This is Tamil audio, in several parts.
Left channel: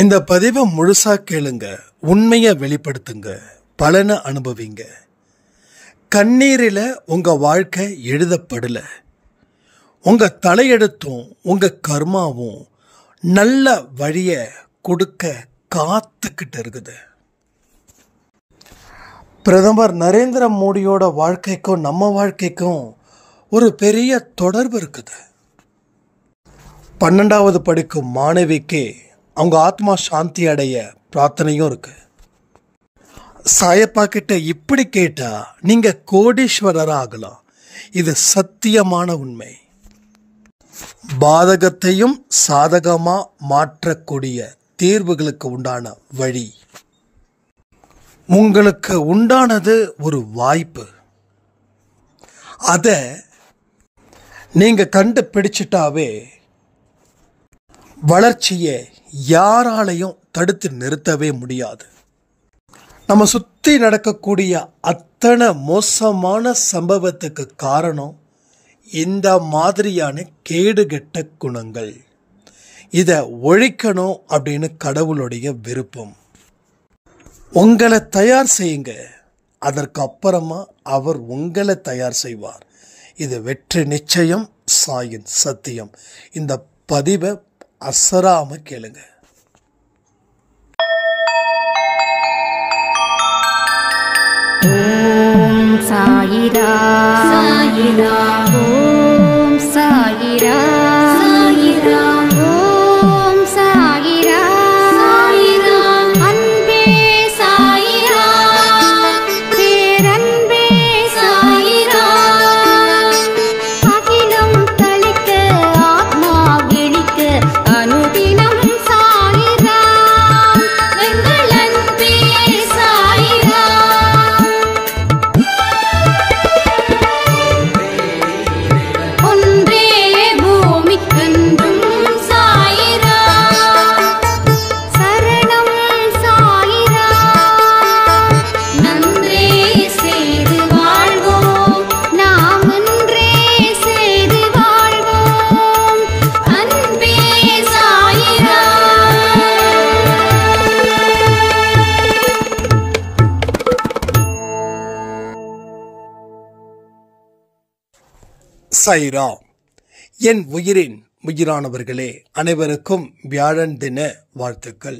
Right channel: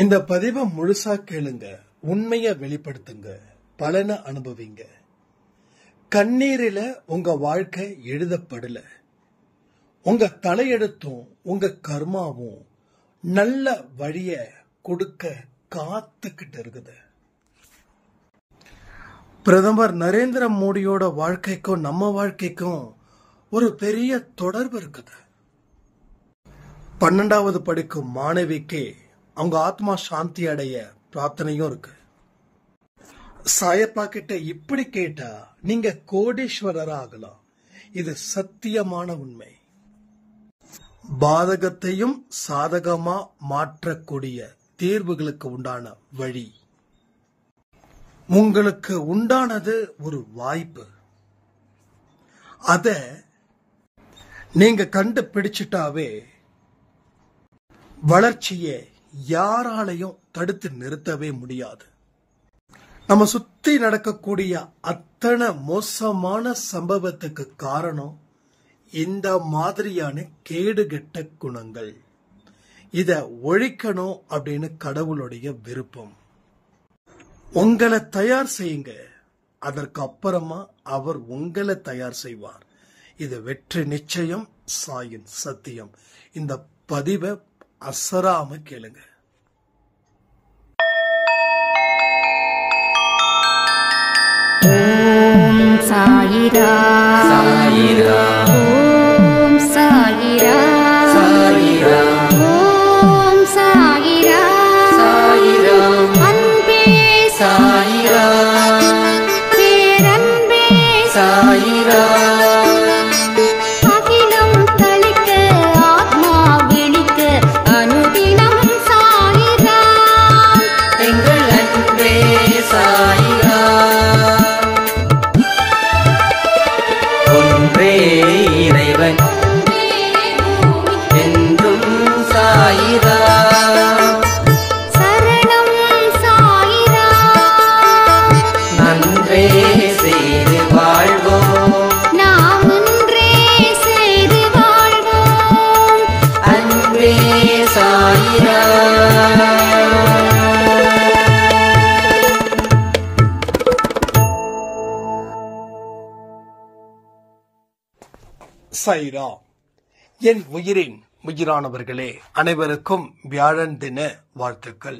இந்த பதிவை முழுசா கேளுங்க, உண்மையை வெளிப்படுத்துங்க, பலனை அனுபவிங்க. கண்ணீரில் உங்க வாழ்க்கை எழுதப்படல. உங்க தலையெழுத்தும் உங்க கர்மாவும் நல்ல வழியை கொடுக்க காத்துக்கிட்டு இருக்குது. பிரதமர் நரேந்திர மோடியோட வாழ்க்கைக்கும் நம்ம வாழ்க்கைக்கும் ஒரு பெரிய தொடர்பு இருக்குது. 12வது படிக்கும் மாணவிக்கு அவங்க ஆத்மா சாந்தி அடைய பிரார்த்தனையும் இருக்கு. சாயப்பா கிட்ட இப்படி கேட்டா நீங்க கோடீஸ்வரர் ஆகலாம். இது சத்தியமான உண்மை. பாதகத்தையும் சாதகமா மாற்றக்கூடிய தீர்வுகளுக்கு உண்டான வழி. உங்களுக்கு உண்டானது ஒரு வாய்ப்பு. அதை நீங்க கண்டுபிடிச்சிட்டாவே வளர்ச்சியை யாராலையும் தடுத்து நிறுத்தவே முடியாது. நம்ம சுத்தி நடக்கக்கூடிய அத்தனை மோசமான சம்பவத்துக்கு காரணம் இந்த மாதிரியான கேடுகெட்ட குணங்கள். இதை ஒழிக்கணும் அப்படின்னு கடவுளுடைய விருப்பம். உங்களை தயார் செய்யுங்க, அதற்கு அப்புறமா அவர் உங்களை தயார் செய்வார். இது வெற்றி நிச்சயம், சாயின் சத்தியம். இந்த பதிவை அசராம கேளுங்க. ஓம் சாயிரா சாயிரா, ஓம் சாயிரா சாயிரா, ஓம் சாயிரா சாயிரா, அன்பே சாயிரா, பேரன்பே சாயிரா, அகிலம் தளிக்க ஆத்மா விழிக்க அனுதினம் சாயிரா, எங்கள் அன்பே சாயிரா. ஒன்றே பூமிக்கென்றும் சாயிரா, சரணம் சாயிரா, நன்றே செய்து வாழ்வோம், நாம் ஒன்றே செய்து வாழ்வோம், அன்பே சாயிரா. சாயிரா. என் உயிரின் உயிரானவர்களே, அனைவருக்கும் வியாழன் தின வாழ்த்துக்கள்.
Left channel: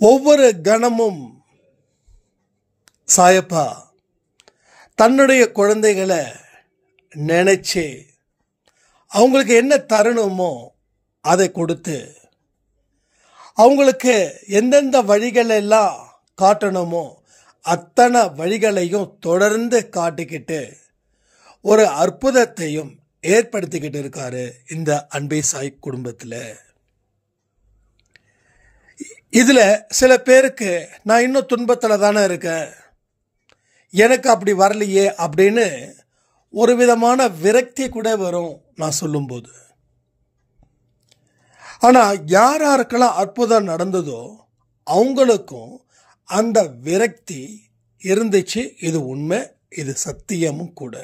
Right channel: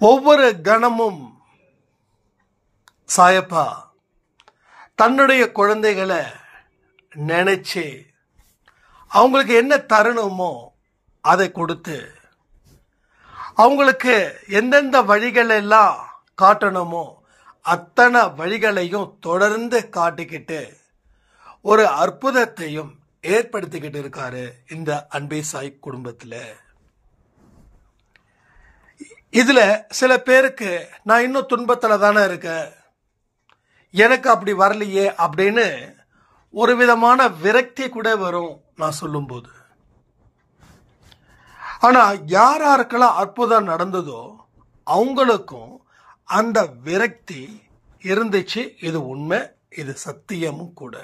ஒவ்வொரு கணமும் சாயப்பா தன்னுடைய குழந்தைகளை நினைச்சு அவங்களுக்கு என்ன தரணுமோ அதை கொடுத்து, அவங்களுக்கு எந்தெந்த வழிகள் எல்லாம் காட்டணுமோ அத்தனை வழிகளையும் தொடர்ந்து காட்டிக்கிட்டு ஒரு அற்புதத்தையும் ஏற்படுத்திக்கிட்டு இருக்காரு இந்த அன்பே சாய் குடும்பத்தில். இதுல சில பேருக்கு நான் இன்னும் துன்பத்தில் தானே இருக்கேன், எனக்கு அப்படி வரலையே அப்படின்னு ஒரு விதமான விரக்தி கூட வரும் நான் சொல்லும்போது. ஆனா யார் யாருக்கெல்லாம் அற்புதம் நடந்ததோ அவங்களுக்கும் அந்த விரக்தி இருந்துச்சு. இது உண்மை, இது சத்தியமும் கூட.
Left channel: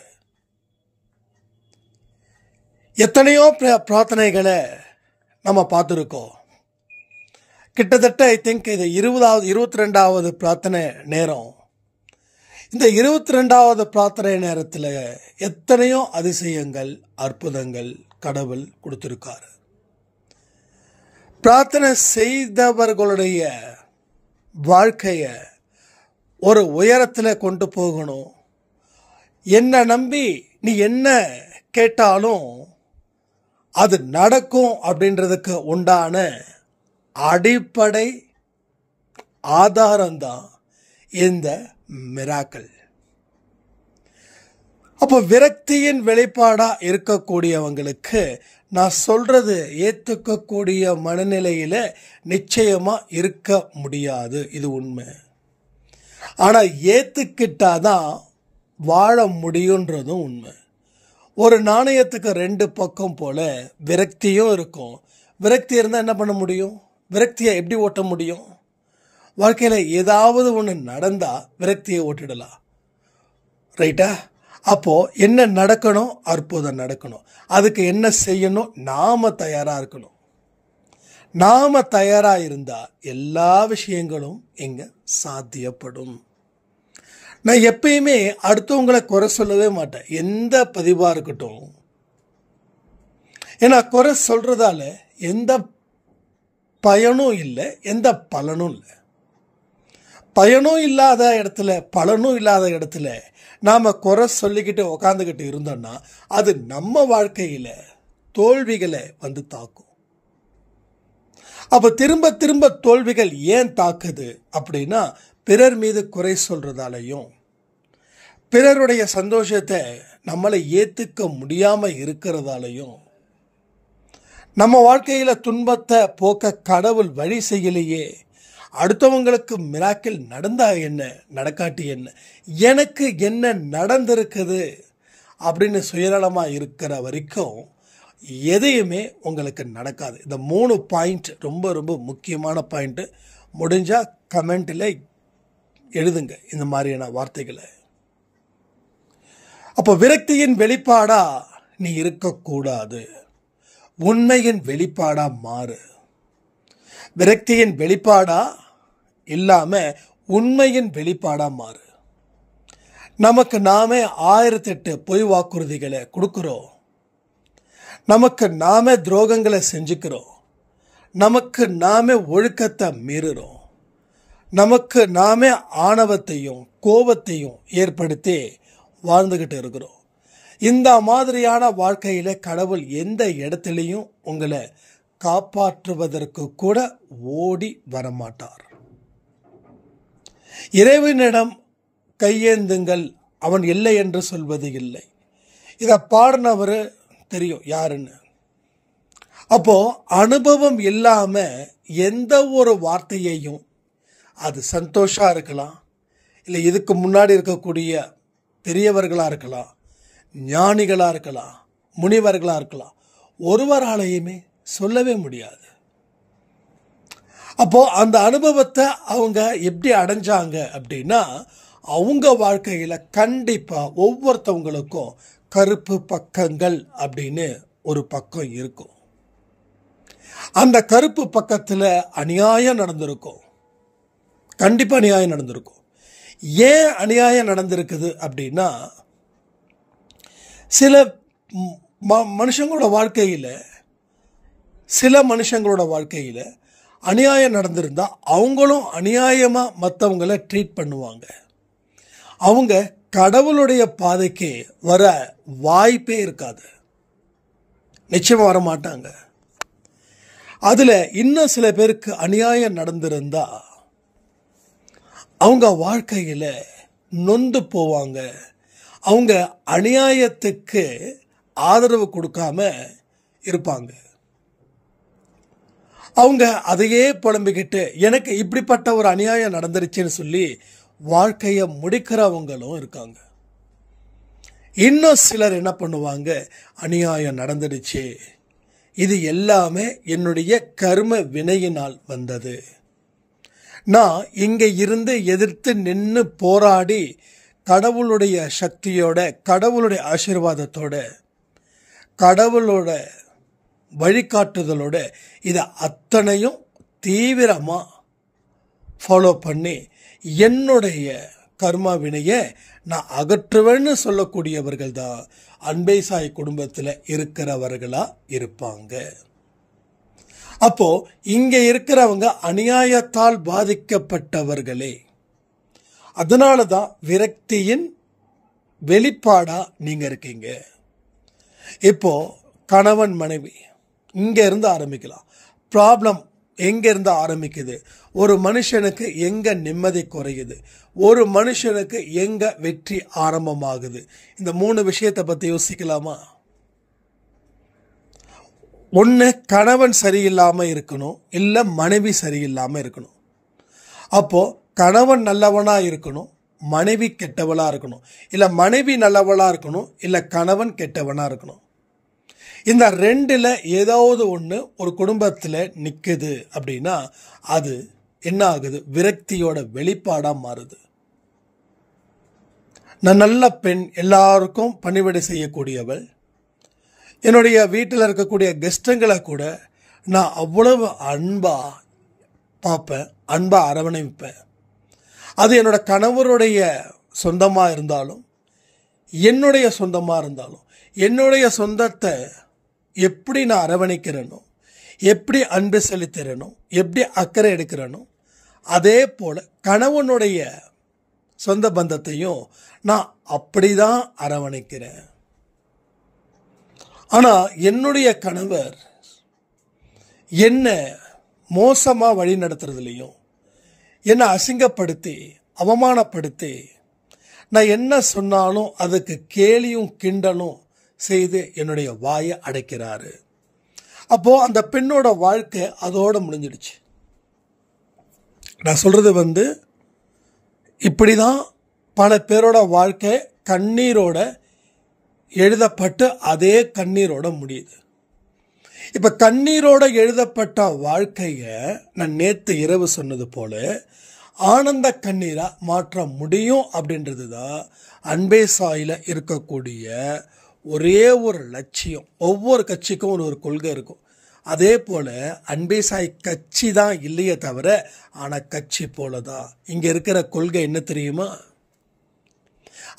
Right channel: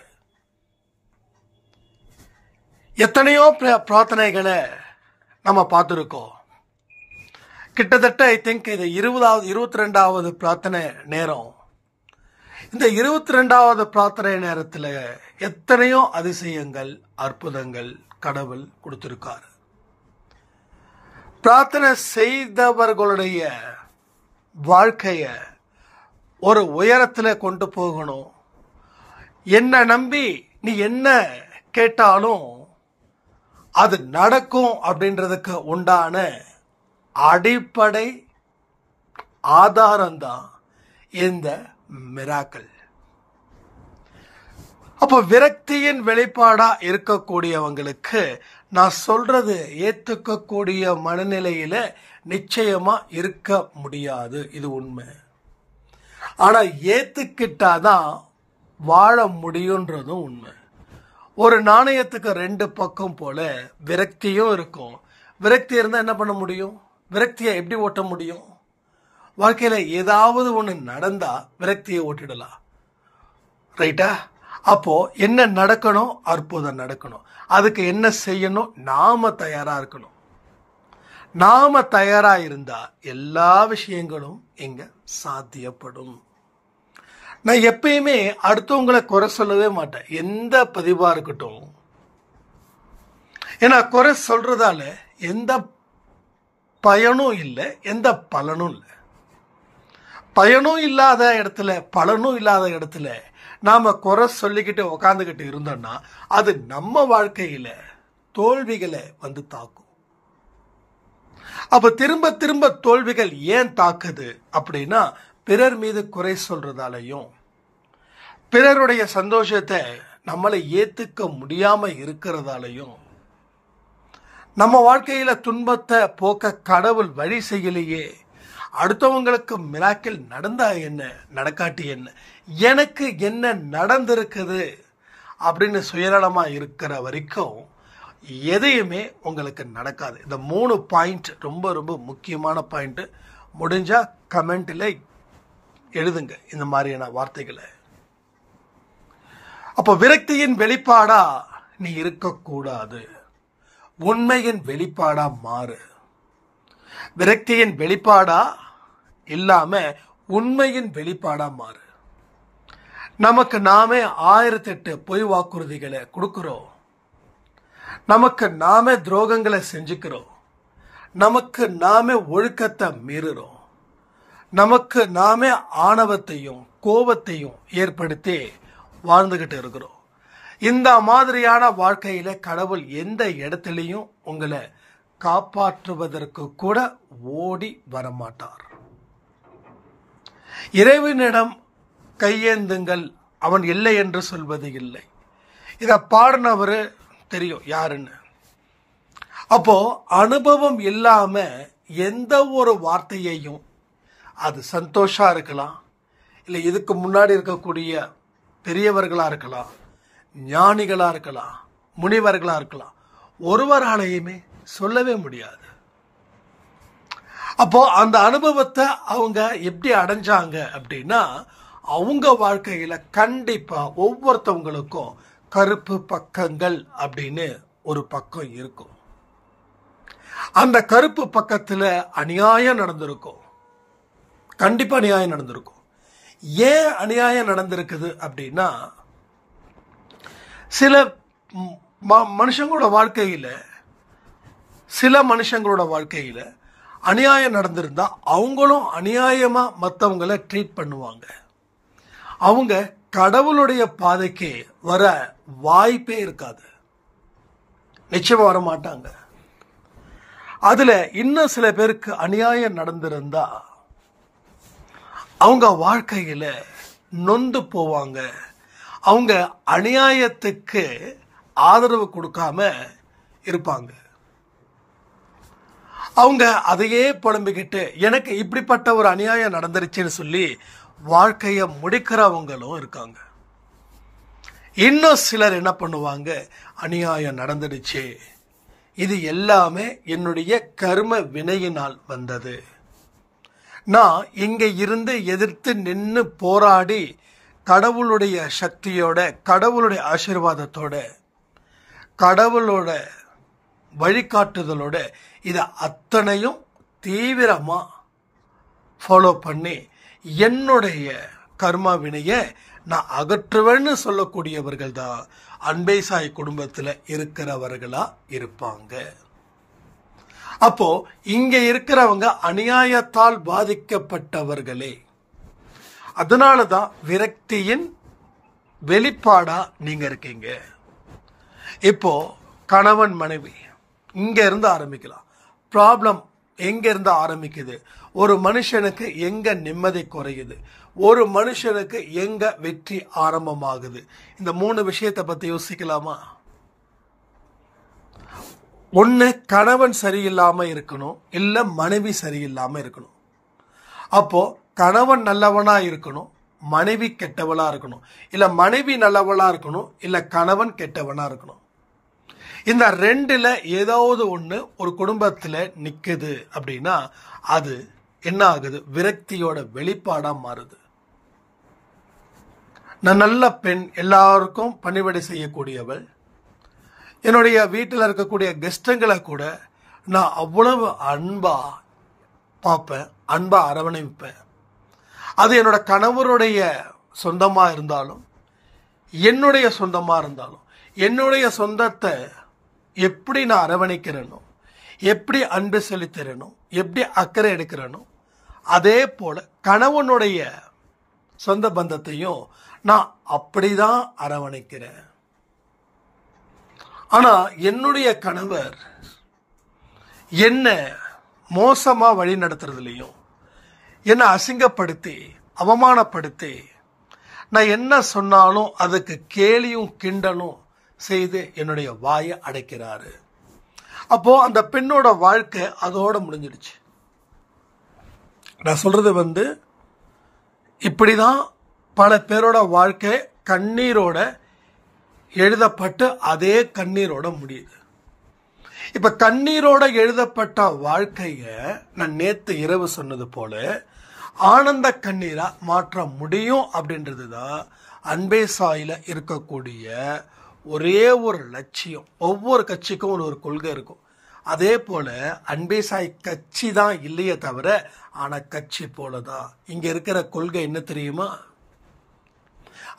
எத்தனையோ பிரார்த்தனைகளை நம்ம பார்த்துருக்கோம். கிட்டத்தட்ட ஐ திங்க் இது 22வது பிரார்த்தனை நேரம். இந்த 22வது பிரார்த்தனை நேரத்தில் எத்தனையோ அதிசயங்கள், அற்புதங்கள் கடவுள் கொடுத்திருக்காரு. பிரார்த்தனை செய்தவர்களுடைய வாழ்க்கைய ஒரு உயரத்தில் கொண்டு போகணும். என்ன நம்பி நீ என்ன கேட்டாலும் அது நடக்கும் அப்படின்றதுக்கு உண்டான அடிப்படை ஆதாரம்தான் இந்த மிராக்கிள். அப்போ விரக்தியின் வெளிப்பாடா இருக்கக்கூடியவங்களுக்கு நான் சொல்றது ஏற்றுக்கக்கூடிய மனநிலையில நிச்சயமா இருக்க முடியாது. இது உண்மை. ஆனா ஏத்துக்கிட்டாதான் வாழ முடியுன்றதும் உண்மை. ஒரு நாணயத்துக்கு 2 பக்கம் போல விரக்தியும் இருக்கும். விரக்தி இருந்தா என்ன பண்ண முடியும்? விரக்தியை எப்படி ஓட்ட முடியும்? வாழ்க்கையில ஏதாவது ஒன்று நடந்தா விரக்தியை ஓட்டிடலாம், ரைட்டா? அப்போ என்ன நடக்கணும்? அற்புதம் நடக்கணும். அதுக்கு என்ன செய்யணும்? நாம தயாரா இருக்கணும். நாம தயாரா இருந்தா எல்லா விஷயங்களும் இங்க சாத்தியப்படும். நான் எப்பயுமே அடுத்தவங்களை குறை சொல்லவே மாட்டேன், எந்த பதிவா இருக்கட்டும். ஏன்னா குறை சொல்றதால எந்த பயனும் இல்லை, எந்த பலனும் இல்லை. பயனும் இல்லாத இடத்துல, பலனும் இல்லாத இடத்துல நாம குறை சொல்லிக்கிட்டு உக்காந்துக்கிட்டு இருந்தோம்னா அது நம்ம வாழ்க்கையில தோல்விகளை வந்து தாக்கும். அப்ப திரும்ப திரும்ப தோல்விகள் ஏன் தாக்குது அப்படின்னா, பிறர் மீது குறை சொல்றதாலையும், பிறருடைய சந்தோஷத்தை நம்மளை ஏத்துக்க முடியாம இருக்கிறதாலையும், நம்ம வாழ்க்கையில துன்பத்தை போக்க கடவுள் வழி செய்யலையே, அடுத்தவங்களுக்கு மிராக்கிள் நடந்தா என்ன, நடக்காட்டி என்ன, எனக்கு என்ன நடந்திருக்குது அப்படின்னு சுயநலமா இருக்கிற வரைக்கும் எதையுமே உங்களுக்கு நடக்காது. இந்த 3 பாயிண்ட் ரொம்ப ரொம்ப முக்கியமான பாயிண்ட். முடிஞ்சா கமெண்ட்ல எழுதுங்க இந்த மாதிரியான வார்த்தைகளை. அப்போ விரக்தியின் வெளிப்பாடா நீ இருக்கக்கூடாது, உண்மையின் வெளிப்பாடா மாறு. விரக்தியின் வெளிப்பாடா இல்லாம உண்மையின் வெளிப்பாடா மாறு. நமக்கு நாமே 1008 பொய் வாக்குறுதிகளை கொடுக்கிறோம், நமக்கு நாமே துரோகங்களை செஞ்சுக்கிறோம், நமக்கு நாமே ஒழுக்கத்தை மீறுறோம், நமக்கு நாமே ஆணவத்தையும் கோபத்தையும் ஏற்படுத்தி வாழ்ந்துகிட்டு இருக்கிறோம். இந்த மாதிரியான வாழ்க்கையில கடவுள் எந்த இடத்துலையும் உங்களை காப்பாற்றுவதற்கு கூட ஓடி வரமாட்டார். இறைவனிடம் கையேந்துங்கள், அவன் இல்லை என்று சொல்வது இல்லை. இதை பாடினவர் தெரியும் யாருன்னு. அப்போ அனுபவம் இல்லாம எந்த ஒரு வார்த்தையையும், அது சந்தோஷா இருக்கலாம், இல்லை இதுக்கு முன்னாடி இருக்கக்கூடிய பெரியவர்களா இருக்கலாம், ஞானிகளா இருக்கலாம், முனிவர்களா இருக்கலாம், ஒருவராலையுமே சொல்லவே முடியாது. அப்போ அந்த அனுபவத்தை அவங்க எப்படி அடைஞ்சாங்க அப்படின்னா, அவங்க வாழ்க்கையில கண்டிப்பா ஒவ்வொருத்தவங்களுக்கும் கருப்பு பக்கங்கள் அப்படின்னு ஒரு பக்கம் இருக்கும். அந்த கருப்பு பக்கத்துல அநியாயம் நடந்திருக்கும், கண்டிப்பா அநியாயம் நடந்திருக்கும். ஏன் அநியாயம் நடந்திருக்குது அப்படின்னா, சில மனுஷங்களோட வாழ்க்கையில அநியாயம் நடந்திருந்தா அவங்களும் அநியாயமா மற்றவங்களை ட்ரீட் பண்ணுவாங்க. அவங்க கடவுளுடைய பாதைக்கு வர வாய்ப்பே இருக்காது, நிச்சயமா வர மாட்டாங்க. அதுல இன்னும் சில பேருக்கு அநியாயம் நடந்திருந்தா அவங்க வாழ்க்கையில நொந்து போவாங்க. அவங்க அநியாயத்துக்கு ஆதரவு கொடுக்காம இருப்பாங்க. அவங்க அதையே புலம்பிக்கிட்டு எனக்கு இப்படிப்பட்ட ஒரு அநியாயம் நடந்துருச்சுன்னு சொல்லி வாழ்க்கையை முடிக்கிறவங்களும் இருக்காங்க. இன்னும் சிலர் என்ன பண்ணுவாங்க, அநியாயம் நடந்துடுச்சு, இது எல்லாமே என்னுடைய கர்ம வினையினால் வந்தது, நான் இங்க இருந்து எதிர்த்து நின்று போராடி கடவுளுடைய சக்தியோட, கடவுளுடைய ஆசீர்வாதத்தோட, கடவுளோட வழிகாட்டுதலோட இதை அத்தனையும் தீவிரமா ஃபாலோ பண்ணி என்னுடைய கர்மா வினையை நான் அகற்றுவேன்னு சொல்லக்கூடியவர்கள் தான் அன்பே சாய் குடும்பத்தில் இருக்கிறவர்களா இருப்பாங்க. அப்போ இங்க இருக்கிறவங்க அநியாயத்தால் பாதிக்கப்பட்டவர்களே. அதனாலதான் விரக்தியின் வெளிப்பாடா நீங்க இருக்கீங்க. இப்போ கணவன் மனைவி இங்க இருந்து ஆரம்பிக்கலாம். ப்ராப்ளம் எங்க இருந்து ஆரம்பிக்குது, ஒரு மனுஷனுக்கு எங்க நிம்மதி குறையுது, ஒரு மனுஷனுக்கு எங்க வெற்றி ஆரம்பமாகுது, இந்த 3 விஷயத்தை பத்தி யோசிக்கலாமா? ஒன்று, கணவன் சரியில்லாம இருக்கணும், இல்லை மனைவி சரியில்லாம இருக்கணும். அப்போ கணவன் நல்லவனா இருக்கணும், மனைவி கெட்டவளா இருக்கணும், இல்லை மனைவி நல்லவளா இருக்கணும், இல்லை கணவன் கெட்டவனா இருக்கணும். இந்த 2ல் ஏதாவது ஒன்று ஒரு குடும்பத்தில் நிற்குது அப்படின்னா அது என்ன ஆகுது, விரக்தியோட வெளிப்பாடா மாறுது. நான் நல்ல பெண், எல்லாருக்கும் பணிவிடை செய்யக்கூடியவள், என்னுடைய வீட்டில் இருக்கக்கூடிய கெஸ்ட்டுங்களை கூட நான் அவ்வளவு அன்பா பார்ப்பேன், அன்பா அரவணைப்பேன். அது என்னோட கணவருடைய சொந்தமாக இருந்தாலும் என்னுடைய சொந்தமாக இருந்தாலும் என்னுடைய சொந்தத்தை எப்படி நான் அரவணைக்கிறேனோ, எப்படி அன்பு செலுத்துகிறேனோ, எப்படி அக்கறை எடுக்கிறேனோ, அதே போல் கணவனுடைய சொந்த பந்தத்தையும் நான் அப்படி தான் அரவணைக்கிறேன். ஆனால் என்னுடைய கணவர் என்ன மோசமாக வழி நடத்துறதுலையும், என்னை அசிங்கப்படுத்தி அவமானப்படுத்தி நான் என்ன சொன்னாலும் அதுக்கு கேலியும் கிண்டலும் செய்து என்னுடைய வாயை அடைக்கிறாரு. அப்போது அந்த பெண்ணோட வாழ்க்கை அதோடு முடிஞ்சிடுச்சு. நான் சொல்கிறது இப்படி தான் பல பேரோட வாழ்க்கை கண்ணீரோட எழுதப்பட்டு அதே கண்ணீரோட முடியுது. இப்போ கண்ணீரோட எழுதப்பட்ட வாழ்க்கையை நான் நேற்று இரவு சொன்னது போல ஆனந்த கண்ணீராக மாற்ற முடியும் அப்படின்றது தான் அன்பே சாயில இருக்கக்கூடிய ஒரே ஒரு லட்சியம். ஒவ்வொரு கட்சிக்கும் ஒரு கொள்கை இருக்கும். அதே போல் அன்பே சாய் கட்சி தான் இல்லையே தவிர, ஆனால் கட்சி போல தான் இங்கே இருக்கிற கொள்கை என்ன தெரியுமா?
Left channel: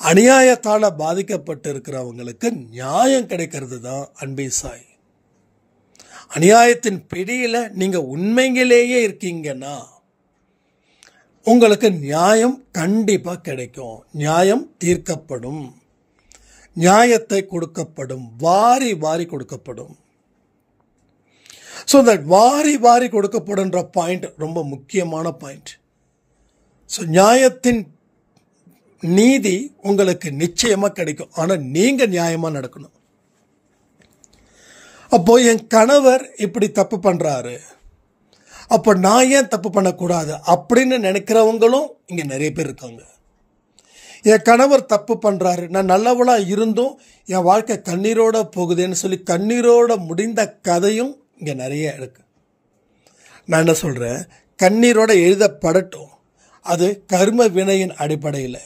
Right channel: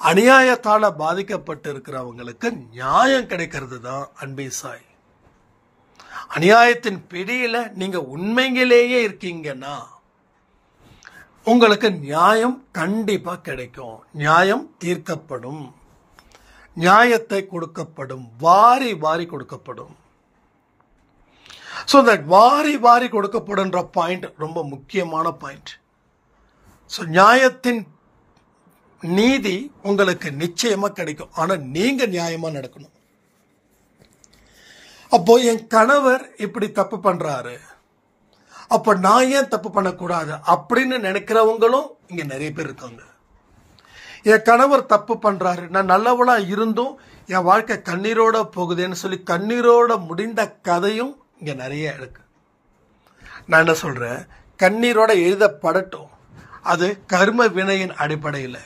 அநியாயத்தால் பாதிக்கப்பட்டு இருக்கிறவங்களுக்கு நியாயம் கிடைக்கிறது தான் அன்பே சாய். அநியாயத்தின் பிடியில் நீங்கள் உண்மையிலேயே இருக்கீங்கன்னா உங்களுக்கு நியாயம் கண்டிப்பாக கிடைக்கும். நியாயம் தீர்க்கப்படும், நியாயத்தை கொடுக்கப்படும், வாரி வாரி கொடுக்கப்படும். ஸோ தட் வாரி வாரி கொடுக்கப்படுன்ற பாயிண்ட் ரொம்ப முக்கியமான பாயிண்ட். ஸோ நியாயத்தின் நீதி உங்களுக்கு நிச்சயமாக கிடைக்கும். ஆனால் நீங்கள் நியாயமாக நடக்கணும். அப்போ என் கணவர் இப்படி தப்பு பண்ணுறாரு, அப்போ நான் ஏன் தப்பு பண்ணக்கூடாது அப்படின்னு நினைக்கிறவங்களும் இங்கே நிறைய பேர் இருக்காங்க. என் கணவர் தப்பு பண்ணுறாரு, நான் நல்லவளாக இருந்தும் என் வாழ்க்கை கண்ணீரோட போகுதுன்னு சொல்லி கண்ணீரோட முடிந்த கதையும் இங்கே நிறைய இருக்கு. நான் என்ன சொல்கிறேன், கண்ணீரோட எழுதப்படட்டும். அது கர்ம வினையின் அடிப்படையில்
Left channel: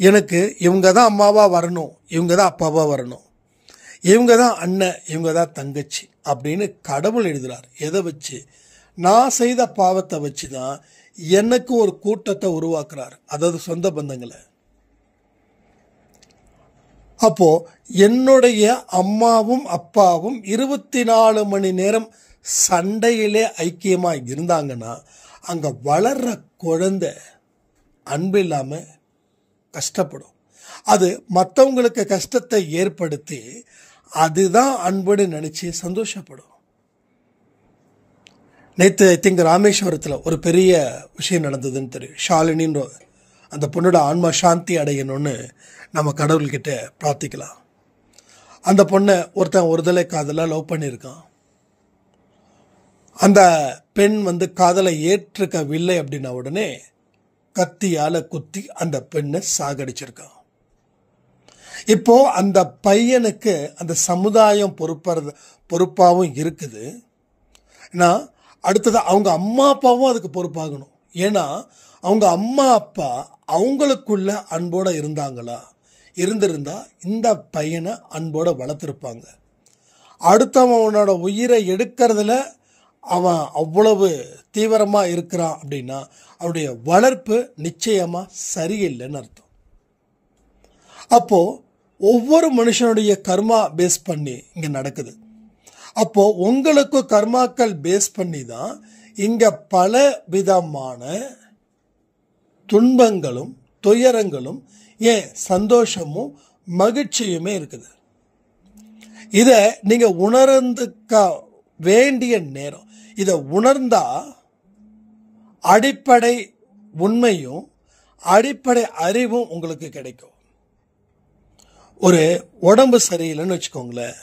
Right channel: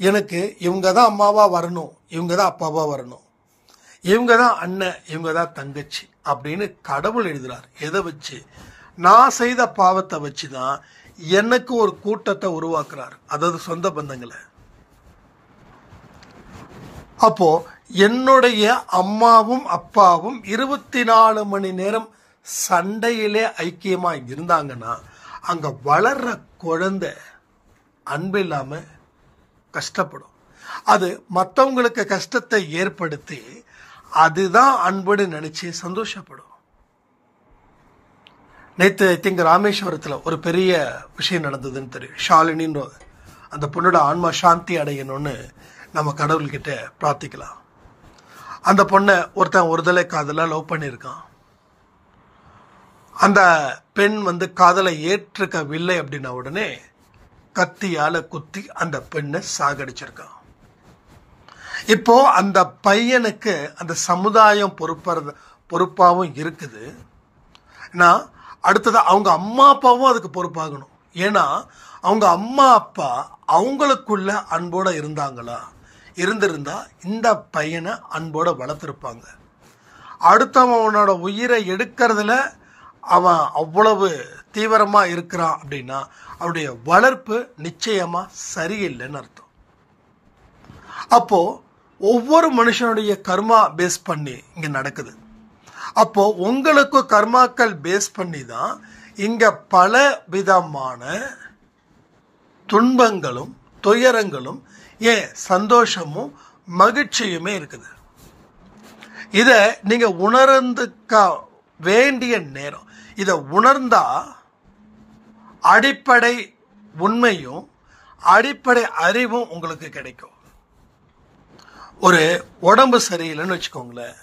எனக்கு இவங்க தான் அம்மாவாக வரணும், இவங்க தான் அப்பாவாக வரணும், இவங்க தான் அண்ணன், இவங்க தான் தங்கச்சி அப்படின்னு கடவுள் எழுதுகிறார். எதை வச்சு? நான் செய்த பாவத்தை வச்சு தான் எனக்கு ஒரு கூட்டத்தை உருவாக்குறார், அதாவது சொந்த பந்தங்களை. அப்போ என்னுடைய அம்மாவும் அப்பாவும் 24 மணி நேரம் சண்டையிலே ஐக்கியமாக இருந்தாங்கன்னா அங்கே வளர்ற குழந்தை அன்பு இல்லாமல் கஷ்டப்படும். அது மற்றவங்களுக்கு கஷ்டத்தை ஏற்படுத்தி அதுதான் அன்புன்னு நினச்சி சந்தோஷப்படும். நேற்று ஐ திங்க் ராமேஸ்வரத்தில் ஒரு பெரிய விஷயம் நடந்ததுன்னு தெரியும். ஷாலினின்ற அந்த பொண்ணோட ஆன்மா சாந்தி அடையணும்னு நம்ம கடவுள்கிட்ட பிரார்த்திக்கலாம். அந்த பொண்ணை ஒருத்தன் ஒருதலை காதலாக லவ் பண்ணியிருக்கான். அந்த பெண் காதலை ஏற்றுக்கவில்லை அப்படின்ன உடனே கத்தியால் குத்தி அந்த பெண்ணை சாகடிச்சிருக்கான். இப்போ அந்த பையனுக்கு அந்த சமுதாயம் பொறுப்பாகவும் இருக்குது. ஏன்னா அடுத்தது அவங்க அம்மா அப்பாவும் அதுக்கு பொறுப்பாகணும். ஏன்னா அவங்க அம்மா அப்பா அவங்களுக்குள்ள அன்போடு இருந்திருந்தா இந்த பையனை அன்போடு வளர்த்துருப்பாங்க. அடுத்தவனோட உயிரை எடுக்கிறதுல அவன் அவ்வளவு தீவிரமாக இருக்கிறான் அப்படின்னா அவருடைய வளர்ப்பு நிச்சயமாக சரியில்லைன்னு அர்த்தம். அப்போது ஒவ்வொரு மனுஷனுடைய கர்மா பேஸ் பண்ணி இங்கே நடக்குது. அப்போது உங்களுக்கும் கர்மாக்கள் பேஸ் பண்ணி தான் இங்கே பல விதமான துன்பங்களும் துயரங்களும் ஏன் சந்தோஷமும் மகிழ்ச்சியுமே இருக்குது. இதை நீங்கள் உணர்ந்துக்க வேண்டிய நேரம். இதை உணர்ந்தா அடிப்படை உண்மையும் அடிப்படை அறிவும் உங்களுக்கு கிடைக்கும். ஒரு உடம்பு சரியில்லைன்னு வச்சுக்கோங்களேன்,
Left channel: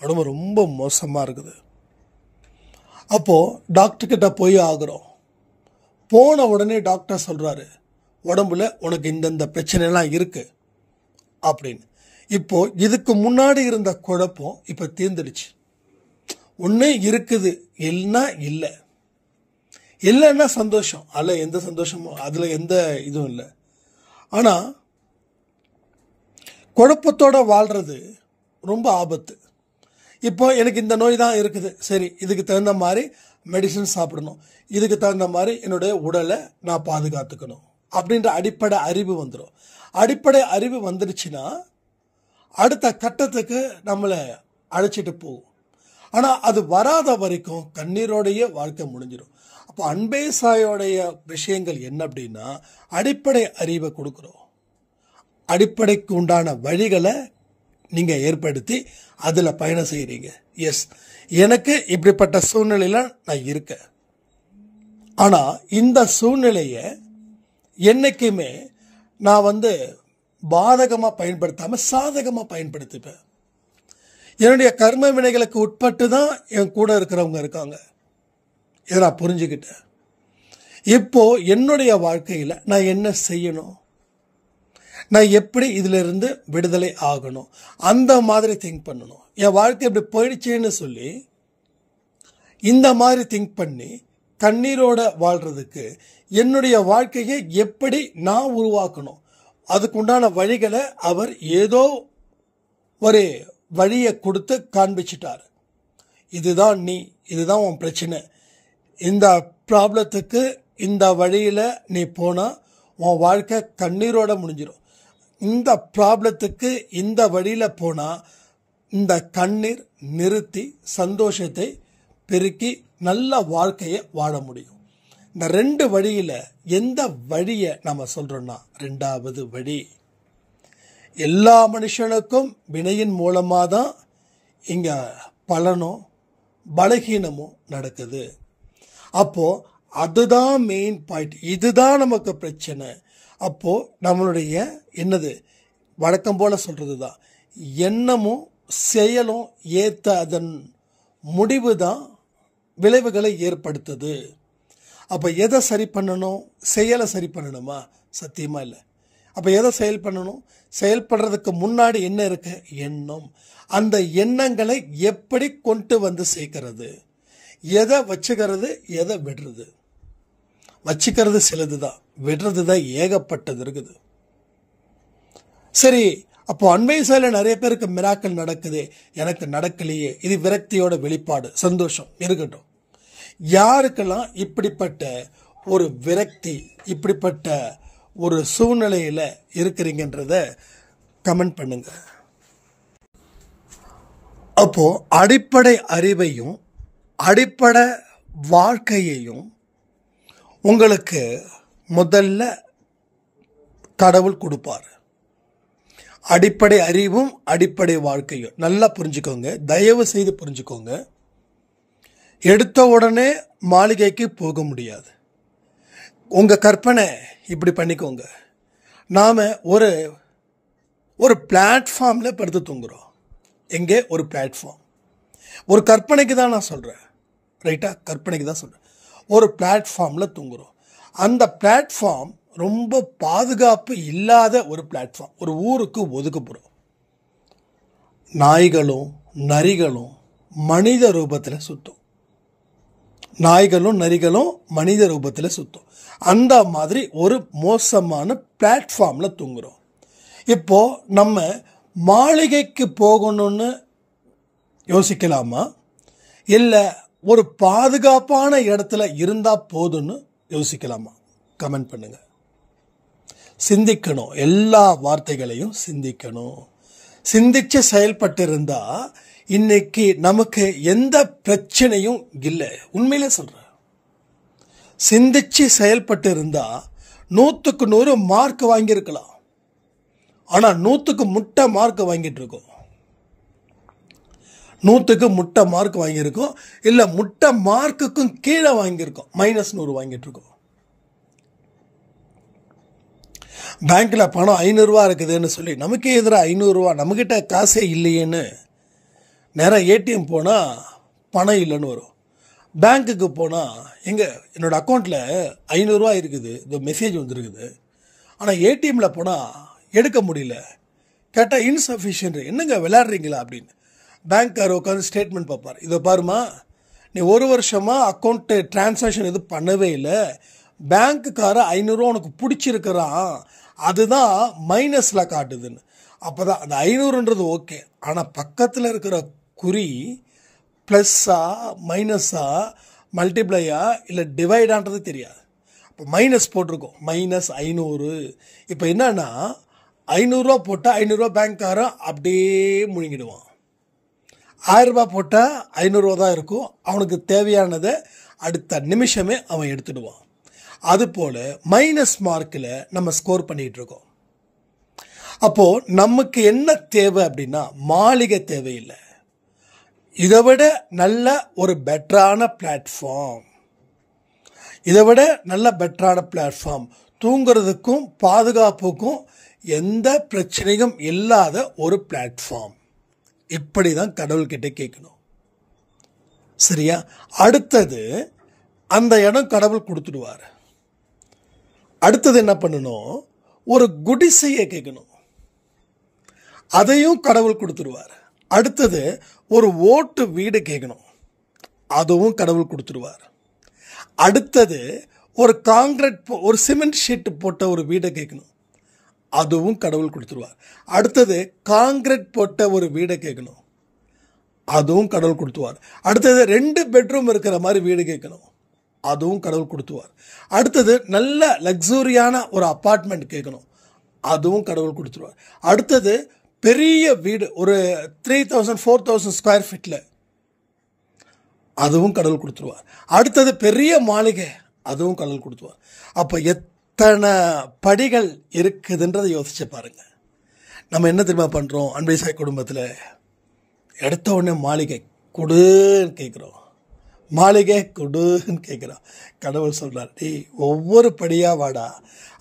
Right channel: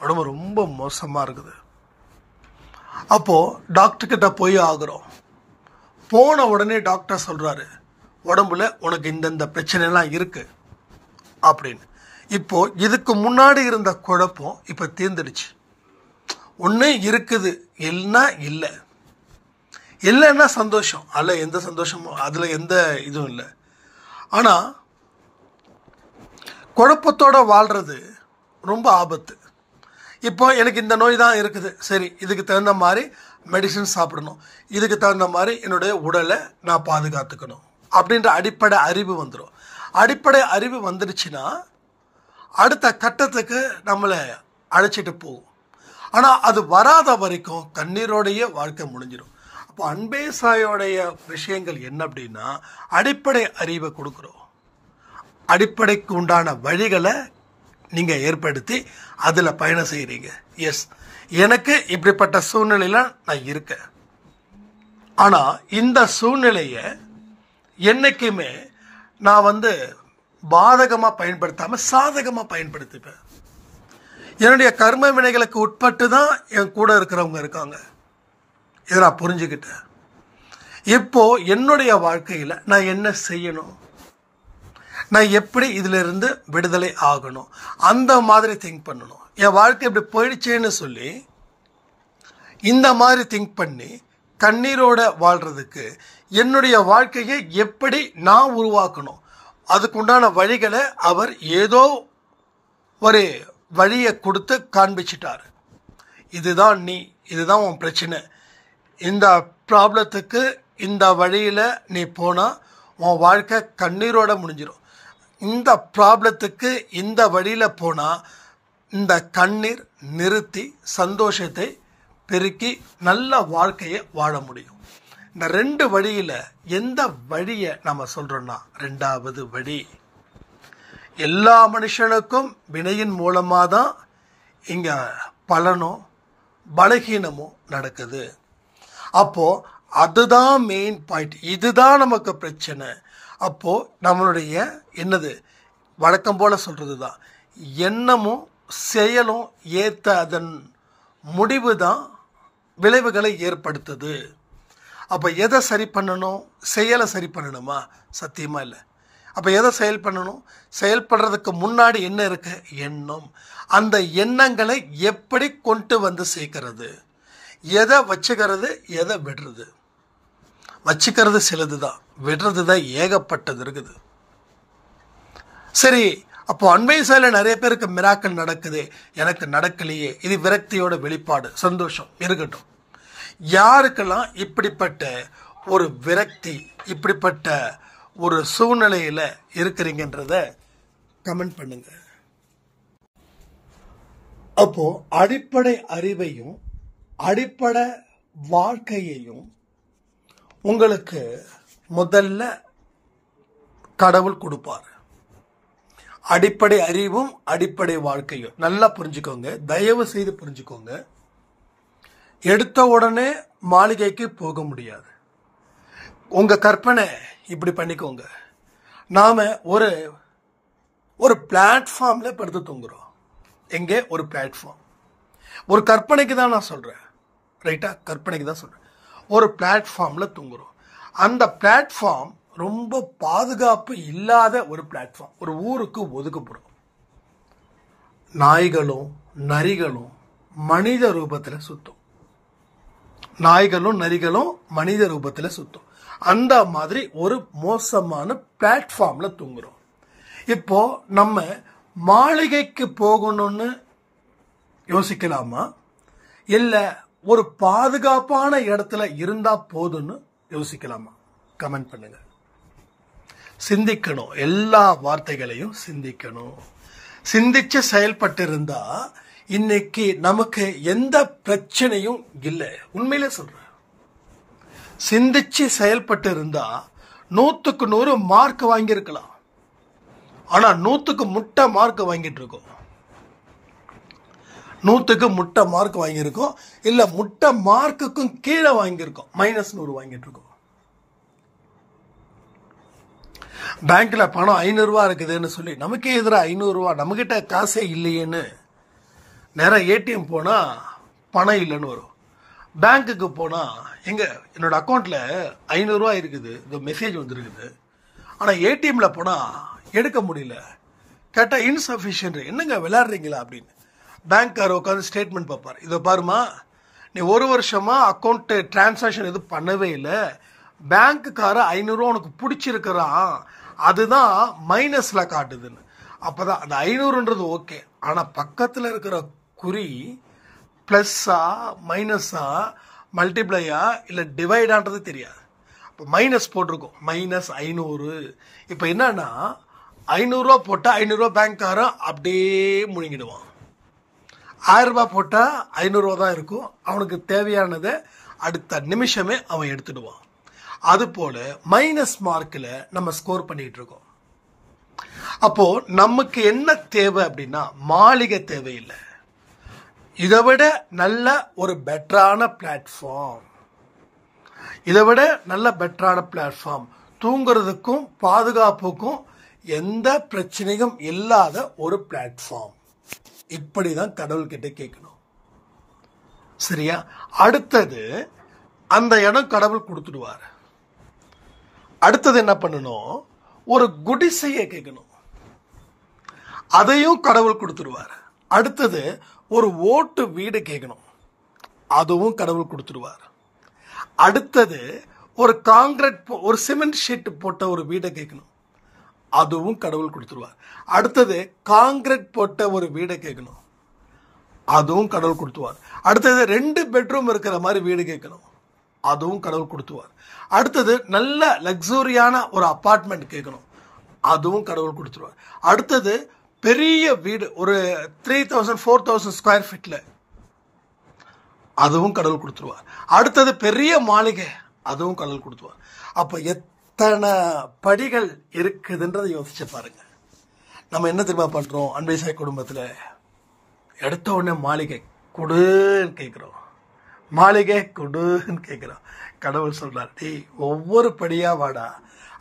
உடம்பு ரொம்ப மோசமாக இருக்குது. அப்போது டாக்டர்கிட்ட போய் ஆகுறோம். போன உடனே டாக்டர் சொல்கிறாரு, உடம்புல உனக்கு இந்தந்த பிரச்சனைலாம் இருக்குது அப்படின்னு. இப்போது இதுக்கு முன்னாடி இருந்த குழப்பம் இப்போ தீர்ந்துடுச்சு. ஒன்று இருக்குது, இல்லைன்னா இல்லை. இல்லைன்னா சந்தோஷம், அதில் எந்த சந்தோஷமும் அதில் எந்த இதுவும் இல்லை. ஆனால் குழப்பத்தோடு வாழ்கிறது ரொம்ப ஆபத்து. இப்போ எனக்கு இந்த நோய் தான் இருக்குது, சரி இதுக்கு தகுந்த மாதிரி மெடிசன் சாப்பிடணும், இதுக்கு தகுந்த மாதிரி என்னுடைய உடலை நான் பாதுகாத்துக்கணும் அப்படின்ற அடிப்படை அறிவு வந்துடும். அடிப்படை அறிவு வந்துடுச்சுன்னா அடுத்த கட்டத்துக்கு நம்மளை அழைச்சிட்டு போகும். ஆனால் அது வராத வரைக்கும் கண்ணீரோடைய வாழ்க்கை முடிஞ்சிடும். அப்போ அன்பே சாயோடைய விஷயங்கள் என்ன அப்படின்னா, அடிப்படை அறிவை கொடுக்குறோம், அடிப்படைக்கு உண்டான வழிகளை நீங்கள் ஏற்படுத்தி அதில் பயணம் செய்கிறீங்க. எஸ், எனக்கு இப்படிப்பட்ட சூழ்நிலையில் நான் இருக்கேன். ஆனால் இந்த சூழ்நிலையை என்றைக்குமே நான் பாதகமாக பயன்படுத்தாமல் சாதகமாக பயன்படுத்திப்பேன். என்னுடைய கர்ம வினைகளுக்கு உட்பட்டு தான் என் கூட இருக்கிறவங்க இருக்காங்க. இதை நான் புரிஞ்சுக்கிட்டேன். இப்போ என்னுடைய வாழ்க்கையில் நான் என்ன செய்யணும், நான் எப்படி இதிலிருந்து விடுதலை ஆகணும், அந்த மாதிரி திங்க் பண்ணணும். என் வாழ்க்கை இப்படி போயிடுச்சேன்னு சொல்லி இந்த மாதிரி திங்க் பண்ணி கண்ணீரோட வாழ்கிறதுக்கு என்னுடைய வாழ்க்கையை எப்படி நான் உருவாக்கணும், அதுக்குண்டான வழிகளை அவர் ஏதோ ஒரு வழியை கொடுத்து காண்பிச்சிட்டார். இதுதான் நீ, இதுதான் உன் பிரச்சனை, இந்த ப்ராப்ளத்துக்கு இந்த வழியில் நீ போனால் உன் வாழ்க்கை கண்ணீரோட முடிஞ்சிடும். இந்த ப்ராப்ளத்துக்கு இந்த வழியில் போனால் இந்த கண்ணீர் நிறுத்தி சந்தோஷத்தை பெருக்கி நல்ல வாழ்க்கையை வாழ முடியும். இந்த ரெண்டு வழியில் எந்த வழியை நம்ம சொல்கிறோன்னா, ரெண்டாவது வழி. எல்லா மனுஷனுக்கும் வினையின் மூலமாக தான் இங்கே பலனும் பலகீனமும் நடக்குது. அப்போது அதுதான் மெயின் பாயிண்ட், இதுதான் நமக்கு பிரச்சனை. அப்போது நம்மளுடைய என்னது வழக்கம் போல் சொல்கிறது தான், எண்ணமும் செயலும் ஏற்ற அதன் முடிவு தான் விளைவுகளை ஏற்படுத்துது. அப்போ எதை சரி பண்ணணும், செயலை சரி பண்ணணுமா? சத்தியமாக இல்லை. அப்போ எதை செயல் பண்ணணும்? செயல்படுறதுக்கு முன்னாடி என்ன இருக்கு? எண்ணம். அந்த எண்ணங்களை எப்படி கொண்டு வந்து சேர்க்கறது, எதை வச்சுக்கிறது, எதை விடுறது. வச்சுக்கிறது சிலது தான், விடுறது தான் ஏகப்பட்டது இருக்குது. சரி, அப்போ அன்பை சாயில நிறைய பேருக்கு மிராக்கள் நடக்குது, எனக்கு நடக்கலையே, இது விரக்தியோட வெளிப்பாடு. சந்தோஷம் இருக்கட்டும். யாருக்கெல்லாம் இப்படிப்பட்ட ஒரு விரக்தி, இப்படிப்பட்ட ஒரு சூழ்நிலையில் இருக்கிறீங்கன்றத கமெண்ட் பண்ணுங்க. அப்போ அடிப்படை அறிவையும் அடிப்படை வாழ்க்கையையும் உங்களுக்கு முதல்ல கடவுள் கொடுப்பார். அடிப்படை அறிவும் அடிப்படை வாழ்க்கையும் நல்லா புரிஞ்சுக்கோங்க, தயவு செய்து புரிஞ்சுக்கோங்க. எடுத்த உடனே மாளிகைக்கு போக முடியாது. உங்கள் கற்பனை இப்படி பண்ணிக்கோங்க. நாம் ஒரு பிளாட்ஃபார்மில் படுத்து தூங்குறோம். எங்கே? ஒரு பிளாட்ஃபார்ம். ஒரு கற்பனைக்கு தான் நான் சொல்கிறேன், ரைட்டா? கற்பனைக்கு தான் சொல்கிறேன். ஒரு பிளாட்ஃபார்மில் தூங்குறோம். அந்த பிளாட்ஃபார்ம் ரொம்ப பாதுகாப்பு இல்லாத ஒரு பிளாட்ஃபார்ம். ஒரு ஊருக்கு ஒதுக்கப்புறம் நாய்களும் நரிகளும் மனித ரூபத்தில் சுற்றும். நாய்களும் நரிகளும் மனித ரூபத்தில் சுற்றும். அந்த மாதிரி ஒரு மோசமான பிளாட்ஃபார்மில் தூங்குறோம். இப்போ நம்ம மாளிகைக்கு போகணும்னு யோசிக்கலாமா, இல்லை ஒரு பாதுகாப்பான இடத்துல இருந்தால் போதும்னு யோசிக்கலாமா? கமெண்ட் பண்ணுங்க. சிந்திக்கணும், எல்லா வார்த்தைகளையும் சிந்திக்கணும். சிந்திச்சு செயல்பட்டு இருந்தா இன்னைக்கு நமக்கு எந்த பிரச்சனையும் இல்லை. உண்மையிலே சொல்றேன். சிந்திச்சு செயல்பட்டு இருந்தா 100க்கு 100 மார்க் வாங்கியிருக்கலாம். ஆனா 100க்கு முட்டை மார்க் வாங்கிட்டு இருக்கோம். 100க்கு முட்டை மார்க் வாங்கியிருக்கோம், இல்லை முட்டை மார்க்குக்கும் கீழே வாங்கியிருக்கோம், -100 வாங்கிட்டு இருக்கோம். பேங்க்ல பணம் 500 ரூபா இருக்குதுன்னு சொல்லி நமக்கே எதிராக 500 ரூபா, நம்மகிட்ட காசே இல்லையேன்னு நேரம் ஏடிஎம் போனால் பணம் இல்லைன்னு வரும். பேங்க்குக்கு போனால் என்னோட அக்கௌண்ட்டில் 500 ரூபா இருக்குது, இந்த மெசேஜ் வந்துருக்குது. ஆனால் ஏடிஎம்மில் போனால் எடுக்க முடியல. கேட்டால் இன்சஃபிஷியன்ட். என்னங்க விளையாடுறீங்களா அப்படின்னு பேங்க்கார் உட்காந்து ஸ்டேட்மெண்ட் பார்ப்பார். இதை பாருமா, நீ 1 வருஷமாக அக்கௌண்ட்டு டிரான்சாக்ஷன் எதுவும் பண்ணவே இல்லை, பேங்க்குக்கார 500 ரூபா உனக்கு பிடிச்சிருக்கிறான், அதுதான் மைனஸில் காட்டுதுன்னு. அப்போ தான் அந்த 500ன்றது ஓகே. ஆனால் பக்கத்தில் இருக்கிற குறி ப்ளஸ்ஸா மைனஸா மல்டிப்ளையா இல்லை டிவைடான்றது தெரியாது. இப்போ மைனஸ் போட்டிருக்கோம், -500. இப்போ என்னன்னா 500 போட்டால் 500 பேங்க்காரன் அப்படியே முழுங்கிடுவான். 1000 போட்டால் 500 தான் இருக்கும். அவனுக்கு தேவையானதை அடுத்த நிமிஷமே அவன் எடுத்துடுவான். அதுபோல் மைனஸ் மார்க்கில் நம்ம ஸ்கோர் பண்ணிகிட்டு இருக்கோம். அப்போது நமக்கு என்ன தேவை அப்படின்னா மாளிகை தேவையில்லை, இதை விட நல்ல ஒரு பெட்டரான பிளாட்ஃபார்ம், இதை விட நல்ல பெட்டரான பிளாட்ஃபார்ம், தூங்குறதுக்கும் பாதுகாப்புக்கும் எந்த பிரச்சனையும் இல்லாத ஒரு பிளாட்ஃபார்ம். இப்படி தான் கடவுள்கிட்ட கேட்கணும். சரியா? அடுத்தது அந்த இடம் கடவுள் கொடுத்துடுவார். அடுத்தது என்ன பண்ணணும்? ஒரு குடிசையை கேட்கணும், அதையும் கடவுள் கொடுத்துடுவார். அடுத்தது ஒரு ஓட்டு வீடு கேட்கணும், அதுவும் கடவுள் கொடுத்துடுவார். அடுத்தது ஒரு காங்கிரீட் ஒரு சிமெண்ட் ஷீட் போட்ட ஒரு வீடை கேட்கணும், அதுவும் கடவுள் கொடுத்துருவார். அடுத்தது காங்கிரீட் போட்ட ஒரு வீடை கேட்கணும், அதுவும் கடவுள் கொடுத்துருவார். அடுத்தது 2 பெட்ரூம் இருக்கிற மாதிரி வீடு கேட்கணும், அதுவும் கடவுள் கொடுத்துருவார். அடுத்தது நல்ல லக்ஸூரியான ஒரு அப்பார்ட்மெண்ட் கேட்கணும், அதுவும் கடவுள் கொடுத்துருவார். அடுத்தது பெரிய வீடு ஒரு 3000-4000 ஸ்கொயர் ஃபீட்டில், அதுவும் கடவுள் கொடுத்துருவார். அடுத்தது பெரிய மாளிகை, அதுவும் கடவுள் கொடுத்துருவார். அப்போ எத்தனை படிகள் இருக்குதுன்றதை யோசிச்சு பாருங்க. நம்ம என்ன தெரியுமா பண்ணுறோம்? அன்பை சாய் குடும்பத்தில் எடுத்த உடனே மாளிகை கொடுன்னு கேட்குறோம், மாளிகை கொடுன்னு கேட்குறோம். கடவுள் சொல்கிறார், டேய் ஒவ்வொரு படியாக வாடா,